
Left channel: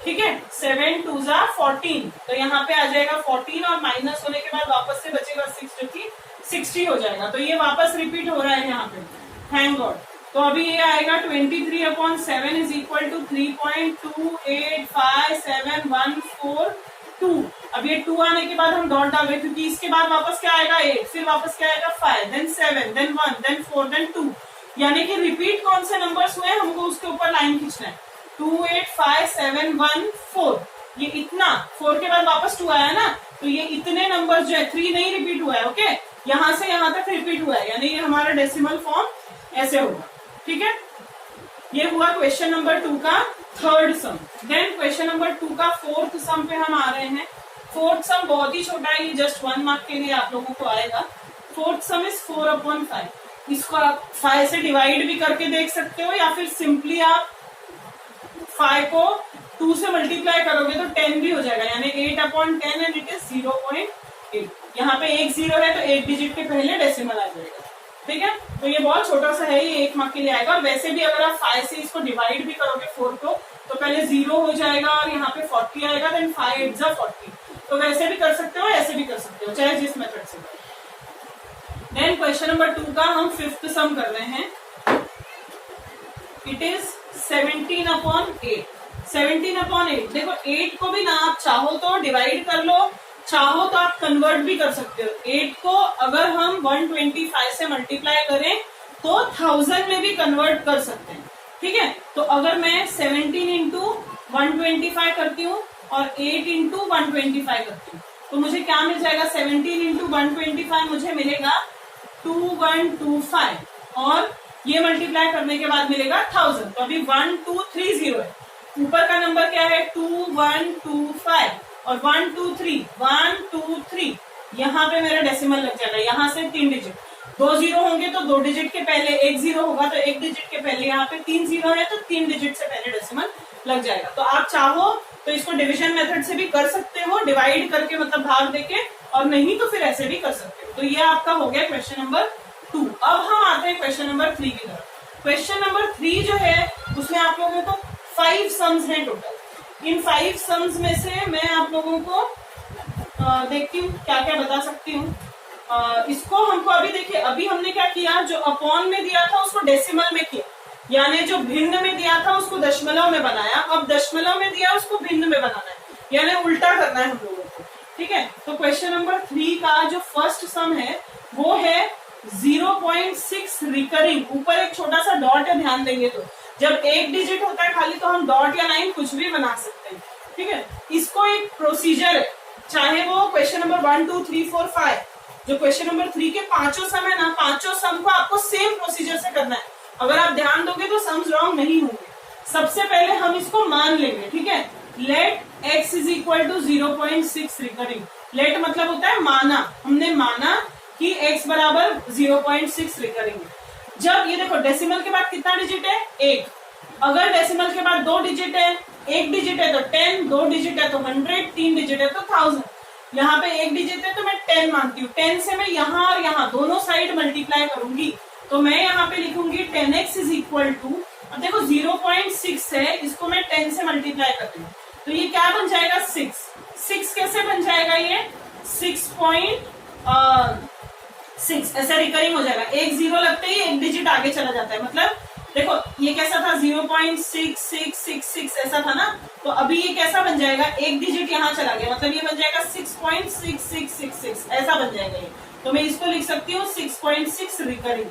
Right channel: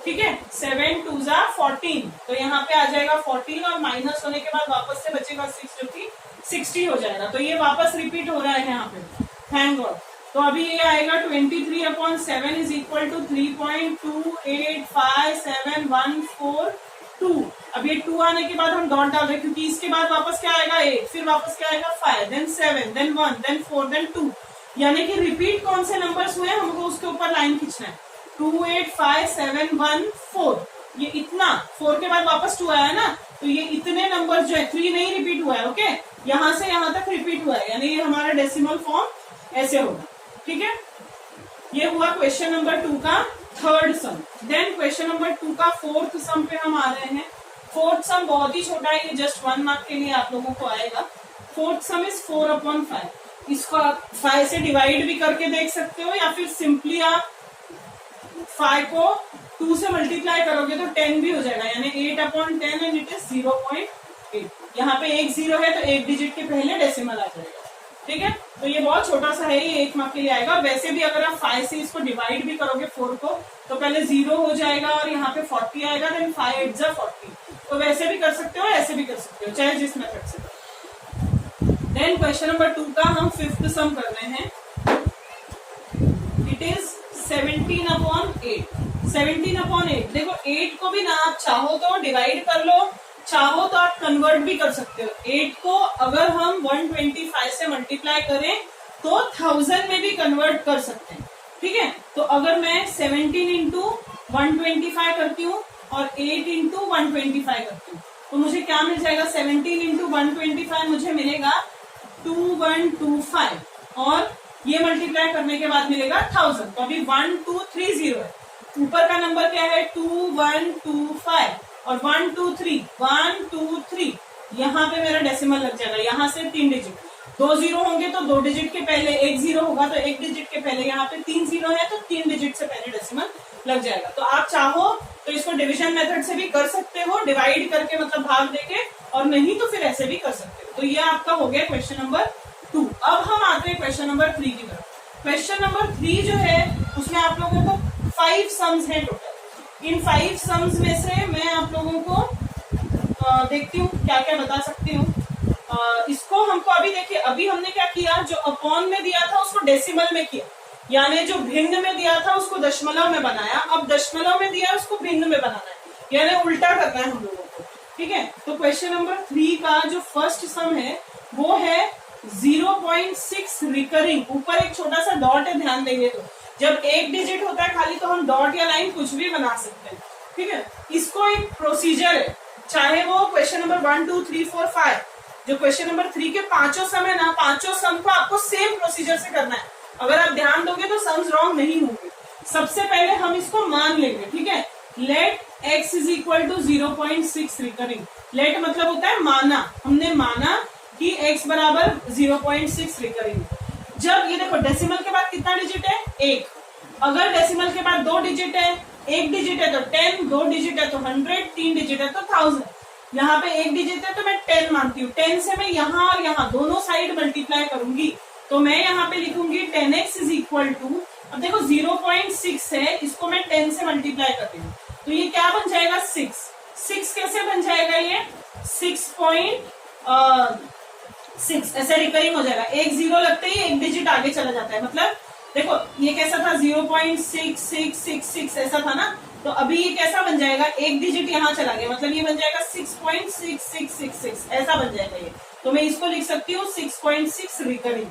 ठीक है, 7 2 14। तो यहाँ पे आ जाएगा 14 और माइनस होने के बाद वापस से बचेगा 6 जो कि 60 हो जाएगा। तो ये वापस रिपीट हो रहा है यहाँ पे, थैंक गॉड। तो अभी ये आएगा 23/7 इज इक्वल टू 3.285714 अब ये 2 आने के बाद हम डॉट डाल रहे हैं, क्योंकि इसके बाद वापस क्या आएगा 8, फिर वापस क्या आएगा 5, देन 7, देन 1, देन 4, देन 2, यानी कि रिपीट कौन से नंबर्स हुए हमको उसके ऊपर लाइन खींचना है। 285714, ये इतना 4 के बाद वापस 2 आया ना, तो ये इतने नंबर जो है 3 नहीं रिपीट हुआ है, ओके, यहां से यहां तक रिपीट हुआ है, यानी ये हमारा डेसिमल फॉर्म ऐसे होगा, ठीक है। ये हुआ क्वेश्चन नंबर 2 का third sum. Then question number 2 का फोर्थ सम पे हम आ रहे हैं। फोर्थ सम बहुत ही छोटा है, ये जस्ट 1 मार्क के लिए आप लोगों को आएगा। Fourth some is 4/5। इसको आप 5 से डिवाइड भी करके देख सकते हो, या फिर सिंपली आप 5 को 2 से मल्टीप्लाई करोगे तो 10 भी हो जाएगा, यानी 8/10 एंड इट इज 0.8। यहाँ पे एक 0 है तो एक डिजिट के पहले डेसिमल आ जाएगा, ठीक है। तो ये बहुत छोटा सा है, ये 1 मार्क के लिए आएगा। और वैसे भी अगर आप 5 से इसको डिवाइड भी करोगे 4 को, तो पहले 0 हो जाएगा और यहाँ पे 40 आएगा, देन 5 8 जा 40। तो वैसे भी कर सकते हो, ऐसे भी कर सकते हो, चाहे जिस मेथड से। देन क्वेश्चन नंबर 2 का हम फिफ्थ सम कर रहे हैं। It is 17/8। 17/8 देखो, 8 को भी ना आप चाहो तो डिवाइड कर लो, चाहो तो आप कन्वर्ट भी कर सकते हो। 8 को अगर हम 125 से मल्टीप्लाई करें तो 1000 में भी कन्वर्ट कर सकते हैं, ठीक है। तो अगर मैं 17 इंटू 125 करती हूँ और 8 इंटू 125 करती हूँ, तो मुझे क्या मिल जाएगा? 17 इंटू 125 मुझे मिलेगा 2125, और ये मल्टीप्लाई करने के बाद मिलेगा 1000। तो अभी 1230 है, ऊपर का नंबर क्या है? 2125 और 123 यहाँ पे मेरा डेसिमल लग जाएगा। यहाँ से 3 डिजिट, 2 0 होंगे तो 2 डिजिट के पहले 1 0 होगा, तो 1 डिजिट के पहले यहाँ पे 3 0 है तो 3 डिजिट से पहले डेसिमल लग जाएगा। तो आप चाहो तो इसको डिवीजन मेथड से भी कर सकते हो, डिवाइड करके मतलब भाग देके, और नहीं तो फिर ऐसे भी कर सकते हो। तो ये आपका हो गया क्वेश्चन नंबर 2। अब हम आते हैं क्वेश्चन नंबर 3 की तरफ। क्वेश्चन नंबर 3 जो है उसमें आप लोगों को 5 सम्स हैं टोटल। इन 5 सम्स में से मैं आप लोगों को देखती हूँ क्या क्या बता सकती हूँ। इसको हमको अभी देखिए, अभी हमने क्या किया, जो अपॉन में दिया था उसको डेसिमल में किया, यानी जो भिन्न में दिया था उसको दशमलव में बनाया। अब दशमलव में दिया उसको भिन्न में बनाना है, यानी उल्टा करना है हम लोगों को, ठीक है। तो क्वेश्चन नंबर 3 का जो फर्स्ट सम है वो है 0.6 रिकरिंग। ऊपर एक छोटा सा डॉट है, ध्यान देंगे तो जब एक डिजिट होता है खाली तो हम डॉट या लाइन कुछ भी बना सकते हैं, ठीक है। इसको एक प्रोसीजर है, चाहे वो क्वेश्चन नंबर 1 2 3 4 5, जो क्वेश्चन नंबर 3 के पांचों सम है ना, पांचों सम को आपको सेम प्रोसीजर से करना है। अगर आप ध्यान दोगे तो सम्स रॉन्ग नहीं होंगे। सबसे पहले हम इसको मान लेंगे, ठीक है। Let x is equal to 0.6 recurring. Let मतलब होता है माना, हमने माना कि x बराबर 0.6 रिकरिंग। जब ये देखो डेसिमल के बाद कितना डिजिट है? 1। अगर डेसिमल के बाद 2 डिजिट है, 1 डिजिट है तो 10, 2 डिजिट है तो 100, 3 डिजिट है तो 1000। यहाँ पे 1 डिजिट है तो मैं 10 मानती हूँ। 10 से मैं यहाँ और यहाँ दोनों साइड मल्टीप्लाई करूंगी, तो मैं यहाँ पे लिखूंगी 10x इज इक्वल टू, अब देखो 0.6 है, इसको मैं 10 से मल्टीप्लाई कर रही हूँ, तो ये क्या बन जाएगा? 6। 6 कैसे बन जाएगा? ये 6.6 ऐसा रिकरिंग हो जाएगा। एक 0 लगते ही एक डिजिट आगे चला जाता है। मतलब देखो ये कैसा था? 0.6666 ऐसा था ना, तो अभी ये कैसा बन जाएगा? एक डिजिट यहाँ चला गया, मतलब ये बन जाएगा 6.6666 ऐसा बन जाएगा ये। तो मैं इसको लिख सकती हूँ 6.6 रिकरिंग।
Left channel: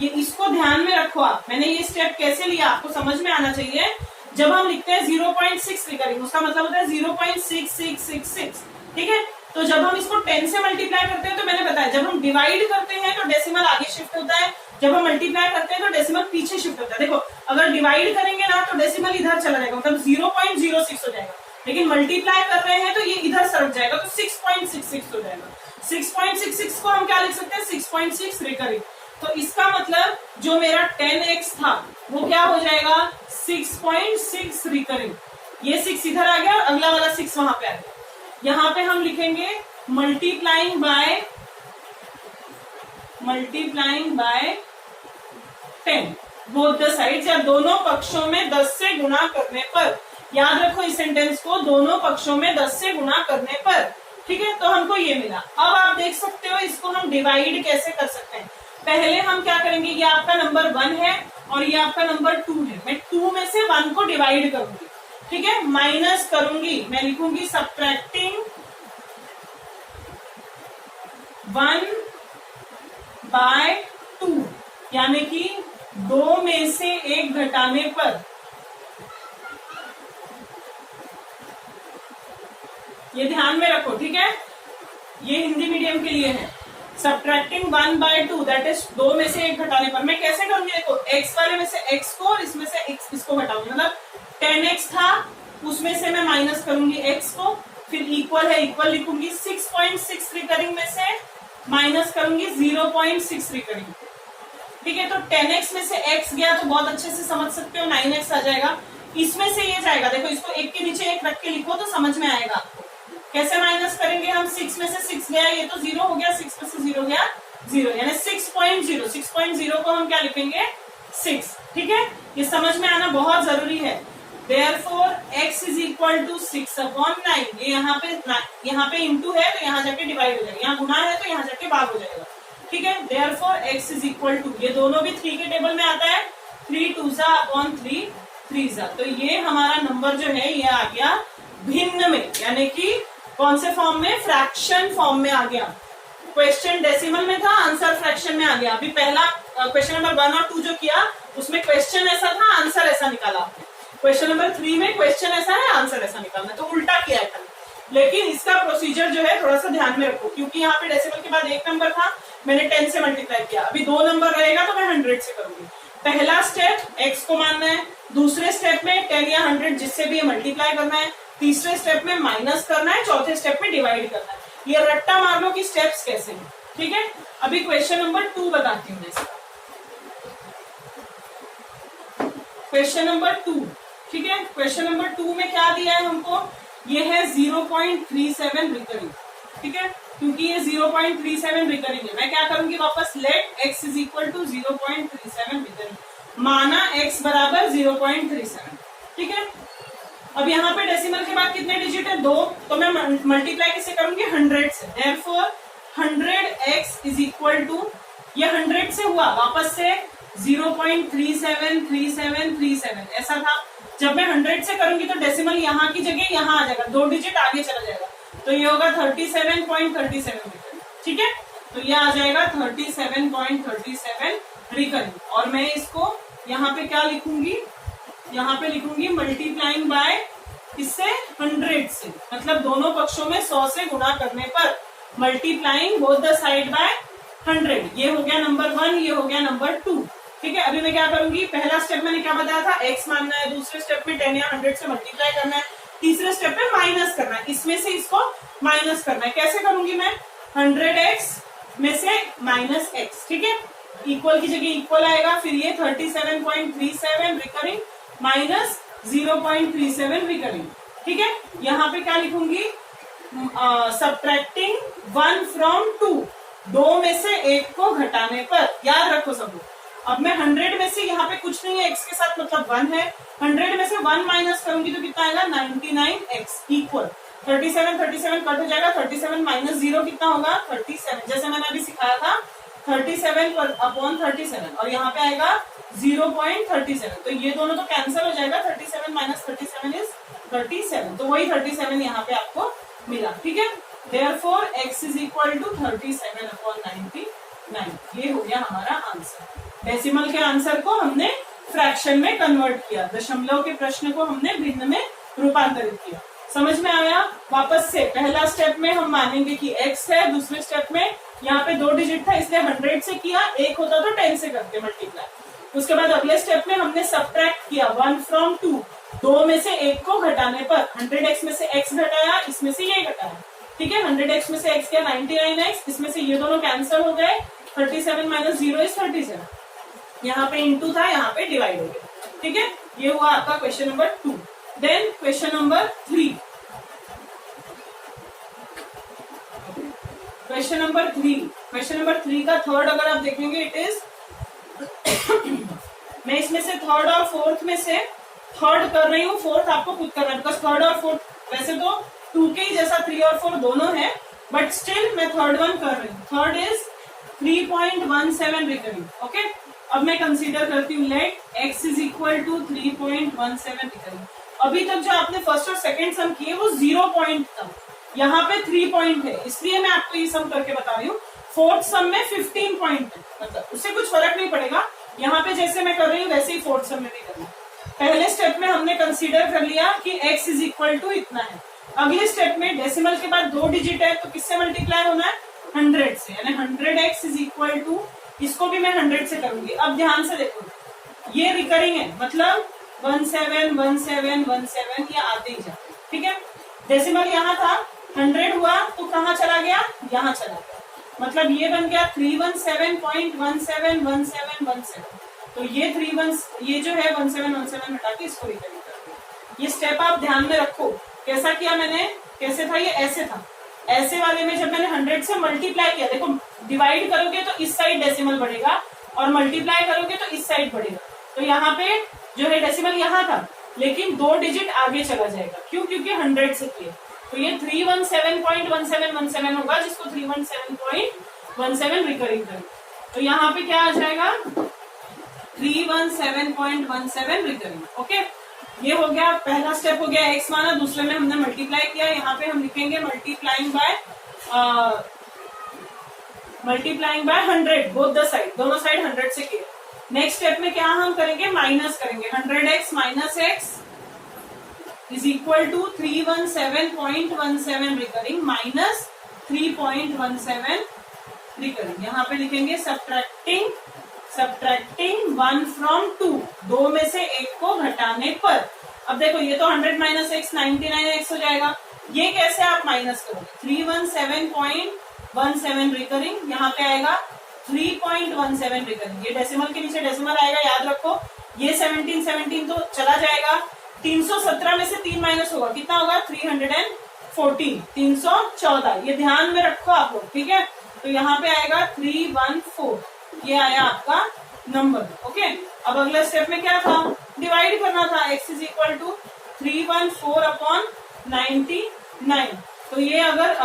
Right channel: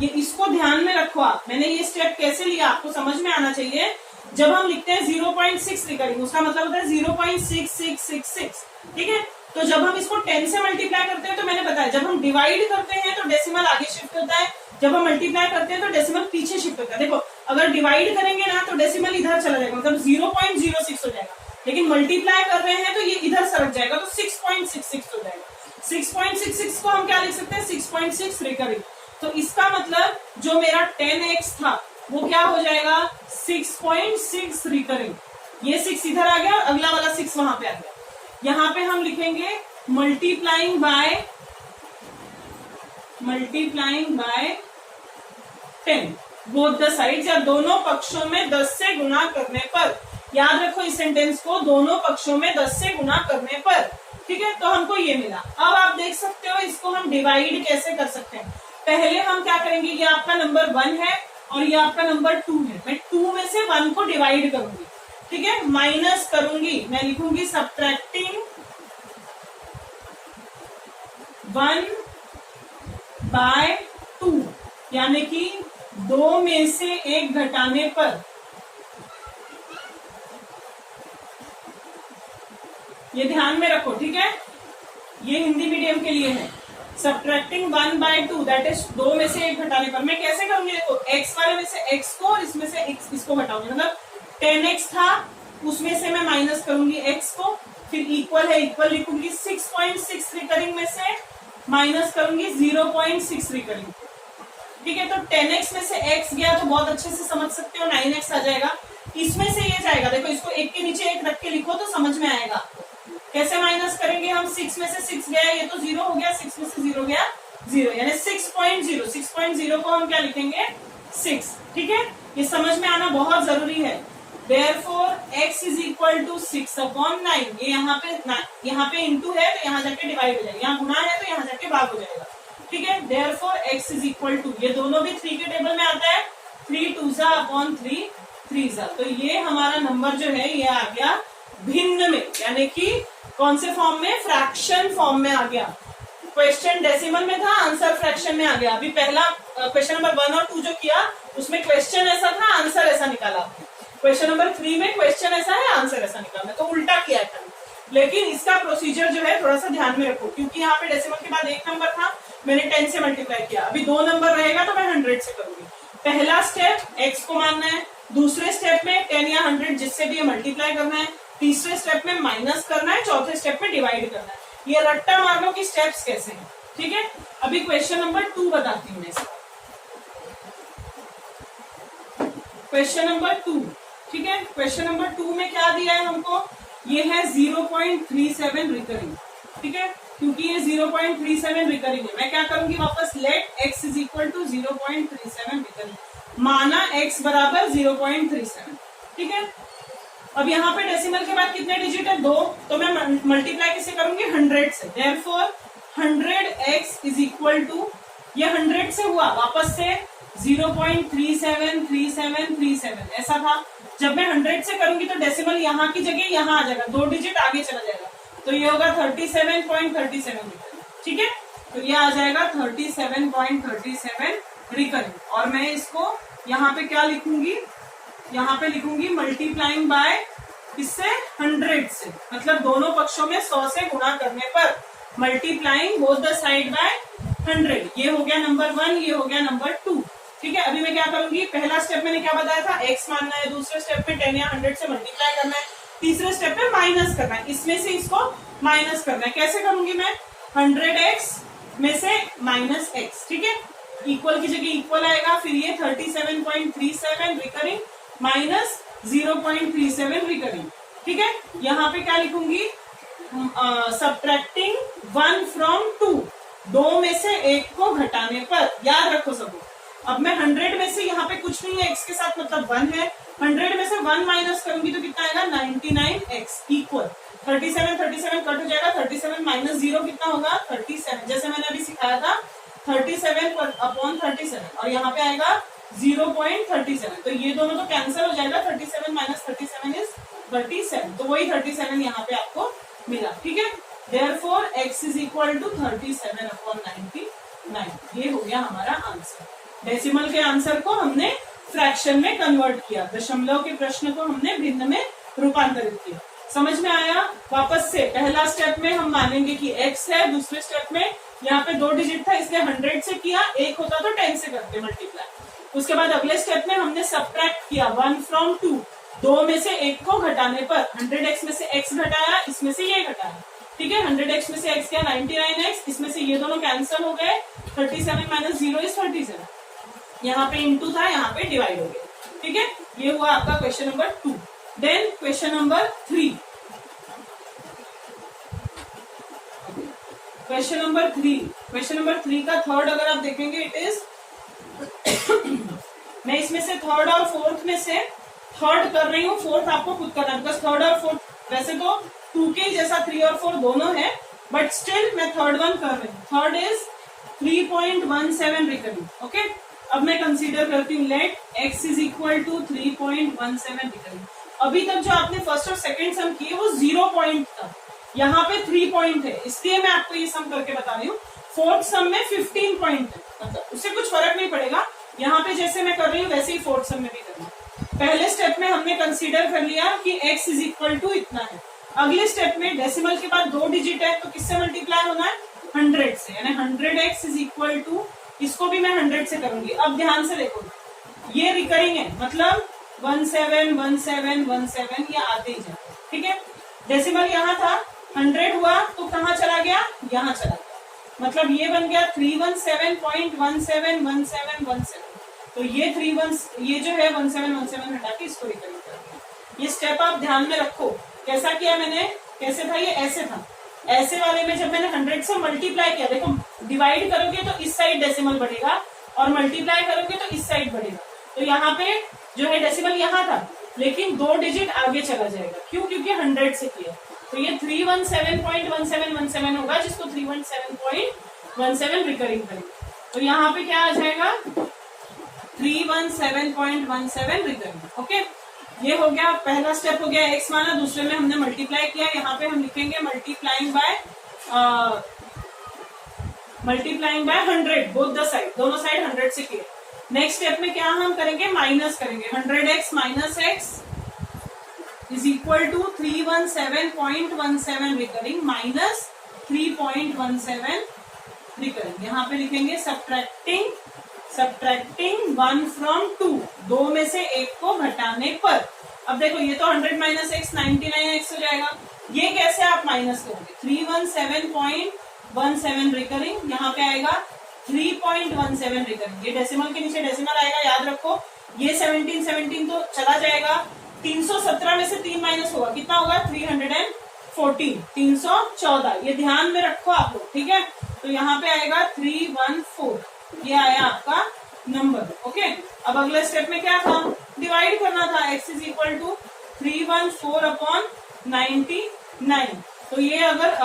ये इसको ध्यान में रखो आप, मैंने ये स्टेप कैसे लिया आपको समझ में आना चाहिए। जब हम लिखते हैं 0.6 रिकरिंग, उसका मतलब होता है 0.6666, ठीक है। तो जब हम इसको 10 से मल्टीप्लाई करते हैं, तो मैंने बताया जब हम डिवाइड करते हैं तो डेसिमल आगे शिफ्ट होता है, जब हम मल्टीप्लाई करते हैं तो डेसिमल पीछे शिफ्ट होता है। देखो अगर डिवाइड करेंगे ना तो डेसिमल इधर चला जाएगा, मतलब 0.06 हो जाएगा, लेकिन मल्टीप्लाई कर रहे हैं तो ये इधर सरक जाएगा, तो 6.66 हो जाएगा। 6.66 को हम क्या लिख सकते हैं? 6.6 रिकरिंग। तो इसका मतलब जो मेरा 10x था वो क्या हो जाएगा? 6.6 रिकरिंग। ये 6 इधर आ गया, अगला वाला 6 वहां पे आ गया। यहाँ पे हम लिखेंगे multiplying by 10 both the sides, या दोनों पक्षों में 10 से गुणा करने पर। याद रखो इस सेंटेंस को, दोनों पक्षों में 10 से गुणा करने पर, ठीक है। तो हमको ये मिला। अब आप देख सकते हो इसको हम डिवाइड कैसे कर सकते हैं। पहले हम क्या करेंगे, ये आपका नंबर 1 है और ये आपका नंबर 2 है। मैं 2 में से 1 को डिवाइड करूंगी, ठीक है, माइनस करूंगी, मैं लिखूंगी सब्ट्रैक्टिंग 1 बाय 2, यानी कि 2 में से 1 घटाने पर ये ध्यान में रखो, ठीक है, ये हिंदी मीडियम के लिए है। सब्ट्रैक्टिंग 1/2 दैट इज 2 में से 1 घटाने पर। मैं कैसे करूंगी, देखो x वाले में से x को और इसमें से x इसको घटाऊंगी, मतलब 10x था उसमें से मैं माइनस करूंगी x को, फिर इक्वल है इक्वल लिखूंगी, 6.6 रिकरिंग में से माइनस करूंगी 0.6 रिकरिंग, ठीक है। तो 10x में से x गया तो बहुत अच्छे से समझ सकते हो 9x आ जाएगा। इसमें से ये जाएगा, देखो इसको एक के नीचे एक रख के लिखो तो समझ में आएगा आपको। कैसे माइनस करेंगे हम, 6 में से 6 गया ये तो 0 हो गया, 6 में से 0 गया 0, यानी 6.0 को हम क्या लिखेंगे 6, ठीक है। ये समझ में आना बहुत जरूरी है। Therefore x is equal to 6/9। ये यहाँ पे इंटू है तो यहाँ जाके डिवाइड हो जाएगा, यहाँ गुना है तो यहाँ जाके भाग हो जाएगा, ठीक है। Therefore x is equal to, ये दोनों भी 3 के टेबल में आता है, 3 2/3 3 तो ये हमारा नंबर जो है ये आ गया भिन्न में, यानी कि कौन से फॉर्म में, फ्रैक्शन फॉर्म में आ गया। क्वेश्चन डेसिमल में था, आंसर फ्रैक्शन में आ गया। अभी पहला क्वेश्चन नंबर 1 और 2 जो किया उसमें क्वेश्चन ऐसा था, आंसर ऐसा निकाला आपने। क्वेश्चन नंबर 3 में क्वेश्चन ऐसा है, आंसर ऐसा निकालना, तो उल्टा किया है खाली। लेकिन इसका प्रोसीजर जो है थोड़ा सा ध्यान में रखो, क्योंकि यहाँ पे डेसिमल के बाद 1 नंबर था, मैंने 10 से मल्टीप्लाई किया। अभी 2 नंबर रहेगा तो मैं 100 से करूंगी। पहला स्टेप x को मानना है, दूसरे स्टेप में 10 या 100 जिससे भी मल्टीप्लाई करना है, तीसरे स्टेप में माइनस करना है, चौथे स्टेप में डिवाइड करना है। ये रट्टा मार लो कि स्टेप्स कैसे हैं, ठीक है। अभी क्वेश्चन नंबर 2 बताती हूँ मैं इसका। क्वेश्चन नंबर 2, ठीक है। क्वेश्चन नंबर 2 में क्या दिया है हमको, ये है 0.37 रिकरिंग, ठीक है। क्योंकि ये 0.37 रिकरिंग है, मैं क्या करूंगी वापस, let x is equal to 0.37 recurring, माना x बराबर 0.37, ठीक है। अब यहाँ पे डेसिमल के बाद कितने डिजिट है, 2, तो मैं मल्टीप्लाई किसे करूंगी 100 से। Therefore 100x is equal to, ये 100 से हुआ, वापस से 0.373737 ऐसा था। जब मैं 100 से करूंगी तो डेसिमल यहाँ की जगह यहाँ आ जाएगा, 2 डिजिट आगे चला जाएगा, तो ये होगा 37.37 ठीक है। तो ये आ जाएगा 37.37 रिकरिंग, और मैं इसको यहाँ पे क्या लिखूंगी, यहाँ पे लिखूंगी मल्टीप्लाइंग बाय इससे 100 से, मतलब दोनों पक्षों में 100 से गुणा करने पर multiplying both the side by 100। ये हो गया नंबर 1, ये हो गया नंबर 2, ठीक है। अभी मैं क्या करूंगी, पहला स्टेप मैंने क्या बताया था, x मानना है, दूसरे स्टेप में 10 या 100 से मल्टीप्लाई करना है, तीसरे स्टेप में माइनस करना है, इसमें से इसको माइनस करना है। कैसे करूंगी मैं, 100x में से माइनस x, ठीक है, इक्वल की जगह इक्वल आएगा, फिर ये 37.37 रिकरिंग माइनस 0.37 रिकरिंग, ठीक है। यहाँ पे क्या लिखूंगी, सब्ट्रैक्टिंग 1 फ्रॉम 2, 2 में से 1 को घटाने पर, याद रखो सब। अब मैं 100 में से, यहाँ पे कुछ नहीं है, x के साथ मतलब 1 है, 100 में से 1 माइनस करूंगी तो कितना आएगा 99x इक्वल 37 कट हो जाएगा, 37 माइनस 0 कितना होगा 37, जैसे मैंने अभी सिखाया था 37/37, और यहाँ पे आएगा 0.37, तो ये दोनों तो कैंसिल हो जाएगा, 37 माइनस 37 इज 37, तो वही 37 यहाँ पे आपको मिला, ठीक है। Therefore x is equal to 37/99, ये हो गया हमारा आंसर। डेसिमल के आंसर को हमने फ्रैक्शन में कन्वर्ट किया, दशमलव के प्रश्न को हमने भिन्न में रूपांतरित किया। समझ में आया। वापस से पहला स्टेप में हम मानेंगे कि x है, दूसरे स्टेप में यहाँ पे 2 डिजिट था इसलिए 100 से किया, 1 होता तो 10 से करते मल्टीप्लाई। उसके बाद अगले स्टेप में हमने सब्ट्रैक्ट किया 1 फ्रॉम 2, 2 में से 1 को घटाने पर 100x में से x घटाया, इसमें से ये घटाया, ठीक है। 100x में से x क्या 99x, इसमें से ये दोनों कैंसिल हो गए, 37 माइनस 0 इज 37, यहाँ पे इंटू था, यहाँ पे डिवाइड हो गया, ठीक है। ये हुआ आपका question number 2। Then question number 3, question number 3 का थर्ड अगर आप देखेंगे इट इज मैं इसमें से थर्ड और फोर्थ में से थर्ड कर रही हूँ, फोर्थ आपको खुद करना है, बिकॉज थर्ड और फोर्थ वैसे तो 2 के जैसा 3 और 4 दोनों है, बट स्टिल मैं थर्ड वन कर रही हूँ। Third is 3.17 recurring, okay. अब मैं कंसीडर करती हूँ let x is equal to 3.17 recurring. अभी तक जो आपने फर्स्ट और सेकंड सम किए वो 0 पॉइंट था, यहाँ पे 3 पॉइंट है, इसलिए मैं आपको ये सम करके बता रही हूँ। फोर्थ सम में 15 पॉइंट है, मतलब उससे कुछ फर्क नहीं पड़ेगा, यहाँ पे जैसे मैं कर रही हूँ वैसे ही फोर्थ सम में भी करना है। पहले स्टेप में हमने कंसीडर कर लिया कि x इज इक्वल टू इतना है, अगले स्टेप में डेसिमल के बाद 2 डिजिट है तो किससे मल्टीप्लाई होना है, 100 से, यानी 100x इज इक्वल टू, इसको भी मैं 100 से करूंगी। अब ध्यान से देखो, ये रिकरिंग है, मतलब 171717 ये आते ही जाते, ठीक है। डेसिमल यहाँ था, 100 हुआ तो कहाँ चला गया, यहाँ चला गया, मतलब ये बन गया 317.171717। तो ये ये जो है 1717 हटा के इसको रिकरिंग कर दिया। ये स्टेप आप ध्यान में रखो, कैसा किया मैंने, कैसे था ये, ऐसे था। ऐसे वाले में जब मैंने 100 से मल्टीप्लाई किया, देखो डिवाइड करोगे तो इस साइड डेसिमल बढ़ेगा और मल्टीप्लाई करोगे तो इस साइड बढ़ेगा। तो यहाँ पे जो है डेसिमल यहाँ था, लेकिन 2 डिजिट आगे चला जाएगा, क्यों, क्योंकि 100 से किया। तो ये 317.1717 होगा, जिसको 317.17 रिकरिंग करेंगे। तो यहाँ पे क्या आ जाएगा, 317.17 रिकरिंग। ओके, ये हो गया पहला स्टेप, हो गया x माना, दूसरे में हमने मल्टीप्लाई किया। यहाँ पे हम लिखेंगे multiplying by 100, both the side, दोनों साइड 100 से किए। नेक्स्ट स्टेप में क्या हम करेंगे, माइनस करेंगे, 100x minus x is equal to 317.17 recurring minus 3.17 recurring. यहाँ पे लिखेंगे सब्ट्रैक्टिंग 1 फ्रॉम 2, 2 में से 1 को घटाने पर। अब देखो ये तो 100 माइनस x 99x हो जाएगा, ये कैसे आप माइनस करोगे, 317.17 रिकरिंग, यहाँ पे आएगा 3.17 रिकरिंग। ये डेसिमल के नीचे डेसिमल आएगा, याद रखो। ये 17 तो चला जाएगा, 317 में से 3 माइनस होगा, कितना होगा, 314, 314। ये ध्यान में रखो आप लोग, ठीक है। तो यहाँ पे आएगा 314, ये आया आपका नंबर। ओके, अब अगला स्टेप में क्या था, डिवाइड करना था, x इज इक्वल टू 314/99। तो ये अगर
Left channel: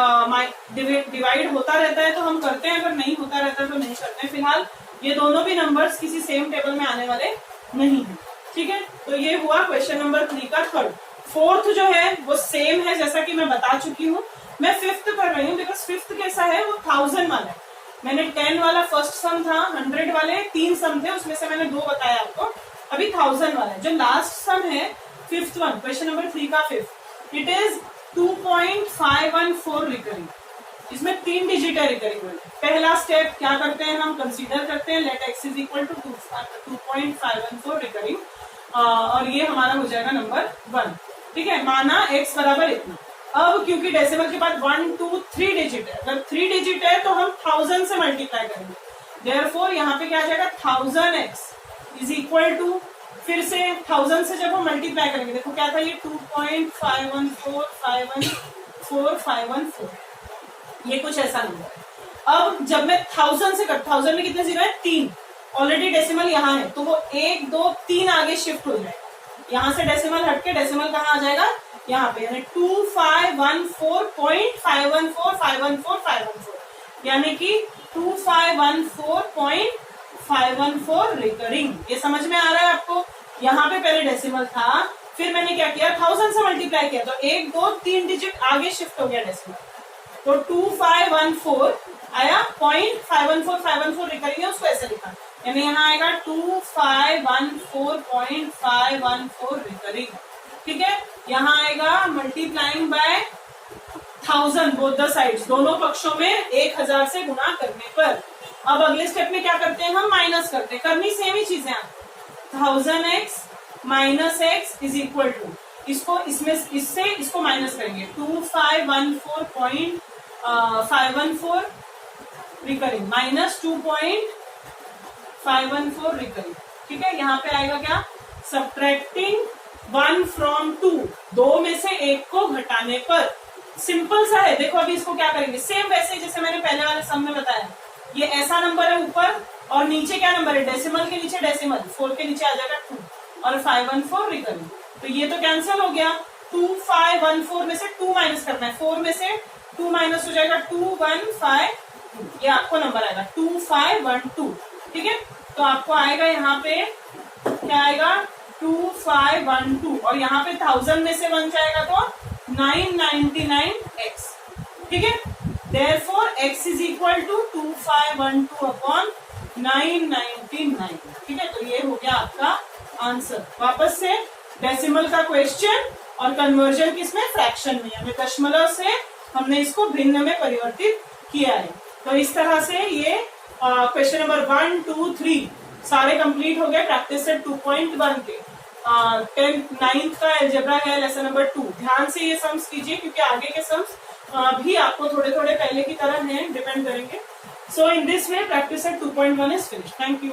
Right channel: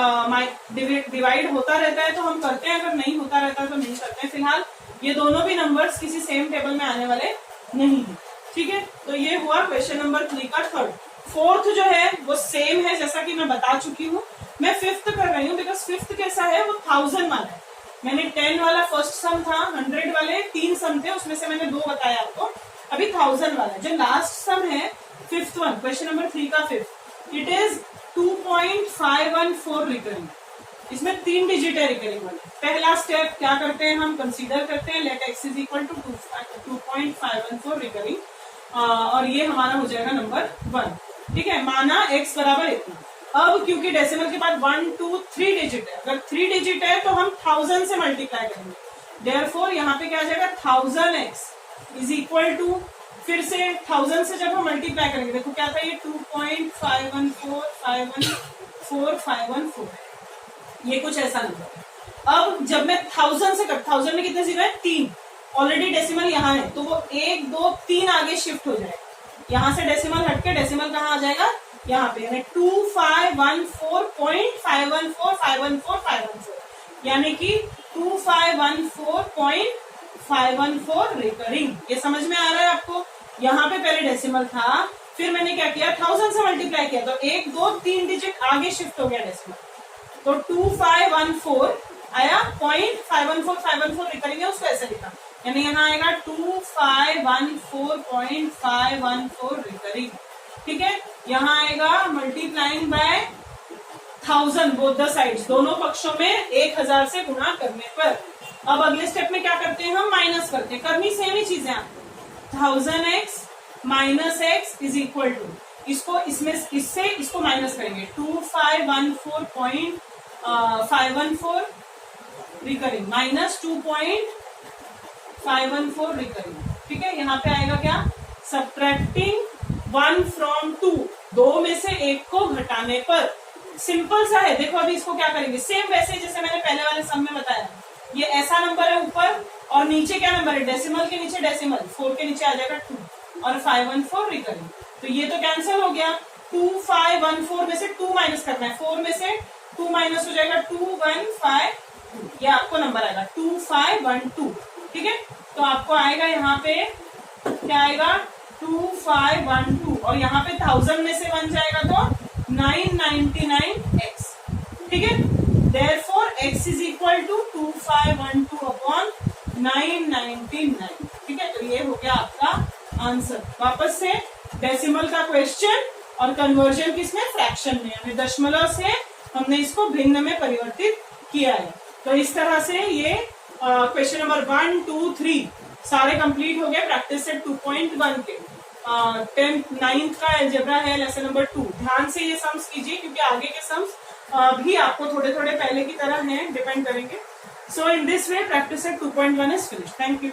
डिवाइड होता रहता है तो हम करते हैं, अगर नहीं होता रहता है तो नहीं करते हैं। फिलहाल ये दोनों भी नंबर्स किसी सेम टेबल में आने वाले नहीं है, ठीक है। तो ये हुआ क्वेश्चन नंबर 3 का थर्ड। फोर्थ जो है वो सेम है, जैसा कि मैं बता चुकी हूँ। मैं फिफ्थ कर रही हूँ बिकॉज फिफ्थ कैसा है, वो 1000 वाला है। मैंने 10 वाला फर्स्ट सम था, 100 वाले 3 सम थे, उसमें से मैंने 2 बताया आपको। अभी 1000 वाला है। जो लास्ट सम है फिफ्थ वन, क्वेश्चन नंबर 3 का फिफ्थ, इट इज 2.514 रिकरिंग। इसमें 3 डिजिट है रिकरिंग वाले। पहला स्टेप क्या करते हैं, हम कंसीडर करते हैं let x is equal to 2.514 recurring, और ये हमारा हो जाएगा नंबर 1, ठीक है। माना x बराबर इतना। अब क्योंकि डेसिमल के बाद 1 2 3 डिजिट है, अगर 3 डिजिट है तो हम 1000 से मल्टीप्लाई करेंगे। देयरफॉर यहाँ पे क्या आ जाएगा, 1000x इज इक्वल टू, फिर से 1000 से जब हम मल्टीप्लाई करेंगे, देखो क्या था ये 2.514 ये कुछ ऐसा नंबर है। अब जब मैं 1000 से 1000 में कितने जीरो है, 3, ऑलरेडी डेसिमल यहाँ है तो वो 1 2 3 आगे शिफ्ट हो जाएगा। यहाँ से डेसिमल हटके डेसिमल कहाँ आ जाएगा, यहाँ पे, यानी 2514.514 यानी कि 2514.514 रिकरिंग। ये समझ में आ रहा है आपको। यहाँ पे पहले डेसिमल था, फिर मैंने क्या किया, 1000 से मल्टीप्लाई किया तो 1 2 3 डिजिट आगे शिफ्ट हो गया डेसिमल, तो 2514 आया, 0.514 रिकरिंग है, उसको ऐसे लिखा, यानी यहाँ आएगा 2514.514 रिकरिंग, ठीक है। यहाँ आएगा multiplying by 1000 both the sides, दोनों पक्षों में 1000 से गुणा करने पर। अब अगले स्टेप में क्या करते हैं, हम माइनस करते हैं, करनी सेम ही चीजें आपको। 1000x minus x is equal to, इसको इसमें इससे इसको माइनस करेंगे, 2514.514 रिकरिंग माइनस 2.514 रिकरिंग, ठीक है। यहाँ पे आएगा क्या, सब्ट्रैक्टिंग 1 फ्रॉम 2, 2 में से 1 को घटाने पर। सिंपल सा है, देखो अभी इसको क्या करेंगे, सेम वैसे जैसे मैंने पहले वाले सम में बताया। ये ऐसा नंबर है ऊपर, और नीचे क्या नंबर है, डेसिमल के नीचे डेसिमल, 4 के नीचे आ जाएगा 2, और 514 रिकरिंग। तो ये तो कैंसिल हो गया, 2514 में से 2 माइनस करना है, 4 में से 2 माइनस हो जाएगा 2152, ये आपको नंबर आएगा 2512, ठीक है। तो आपको आएगा यहाँ पे क्या आएगा, 2512, और यहाँ पे 1000 में से 1 जाएगा तो 999x, ठीक है। Therefore x is equal to 2512/999, ठीक है। तो ये हो गया आपका आंसर। वापस से डेसिमल का क्वेश्चन और कन्वर्जन किसमें, फ्रैक्शन में, यानी दशमलव से हमने इसको भिन्न में परिवर्तित किया है। तो इस तरह से ये क्वेश्चन नंबर 1, 2, 3 सारे कंप्लीट हो गए प्रैक्टिस सेट 2.1 के। 10th 9th का अलजेब्रा है लेसन नंबर 2। ध्यान से ये सम्स कीजिए क्योंकि आगे के सम्स भी आपको थोड़े थोड़े पहले की तरह हैं, डिपेंड करेंगे। So in this way practice set 2.1 is finish. Thank you.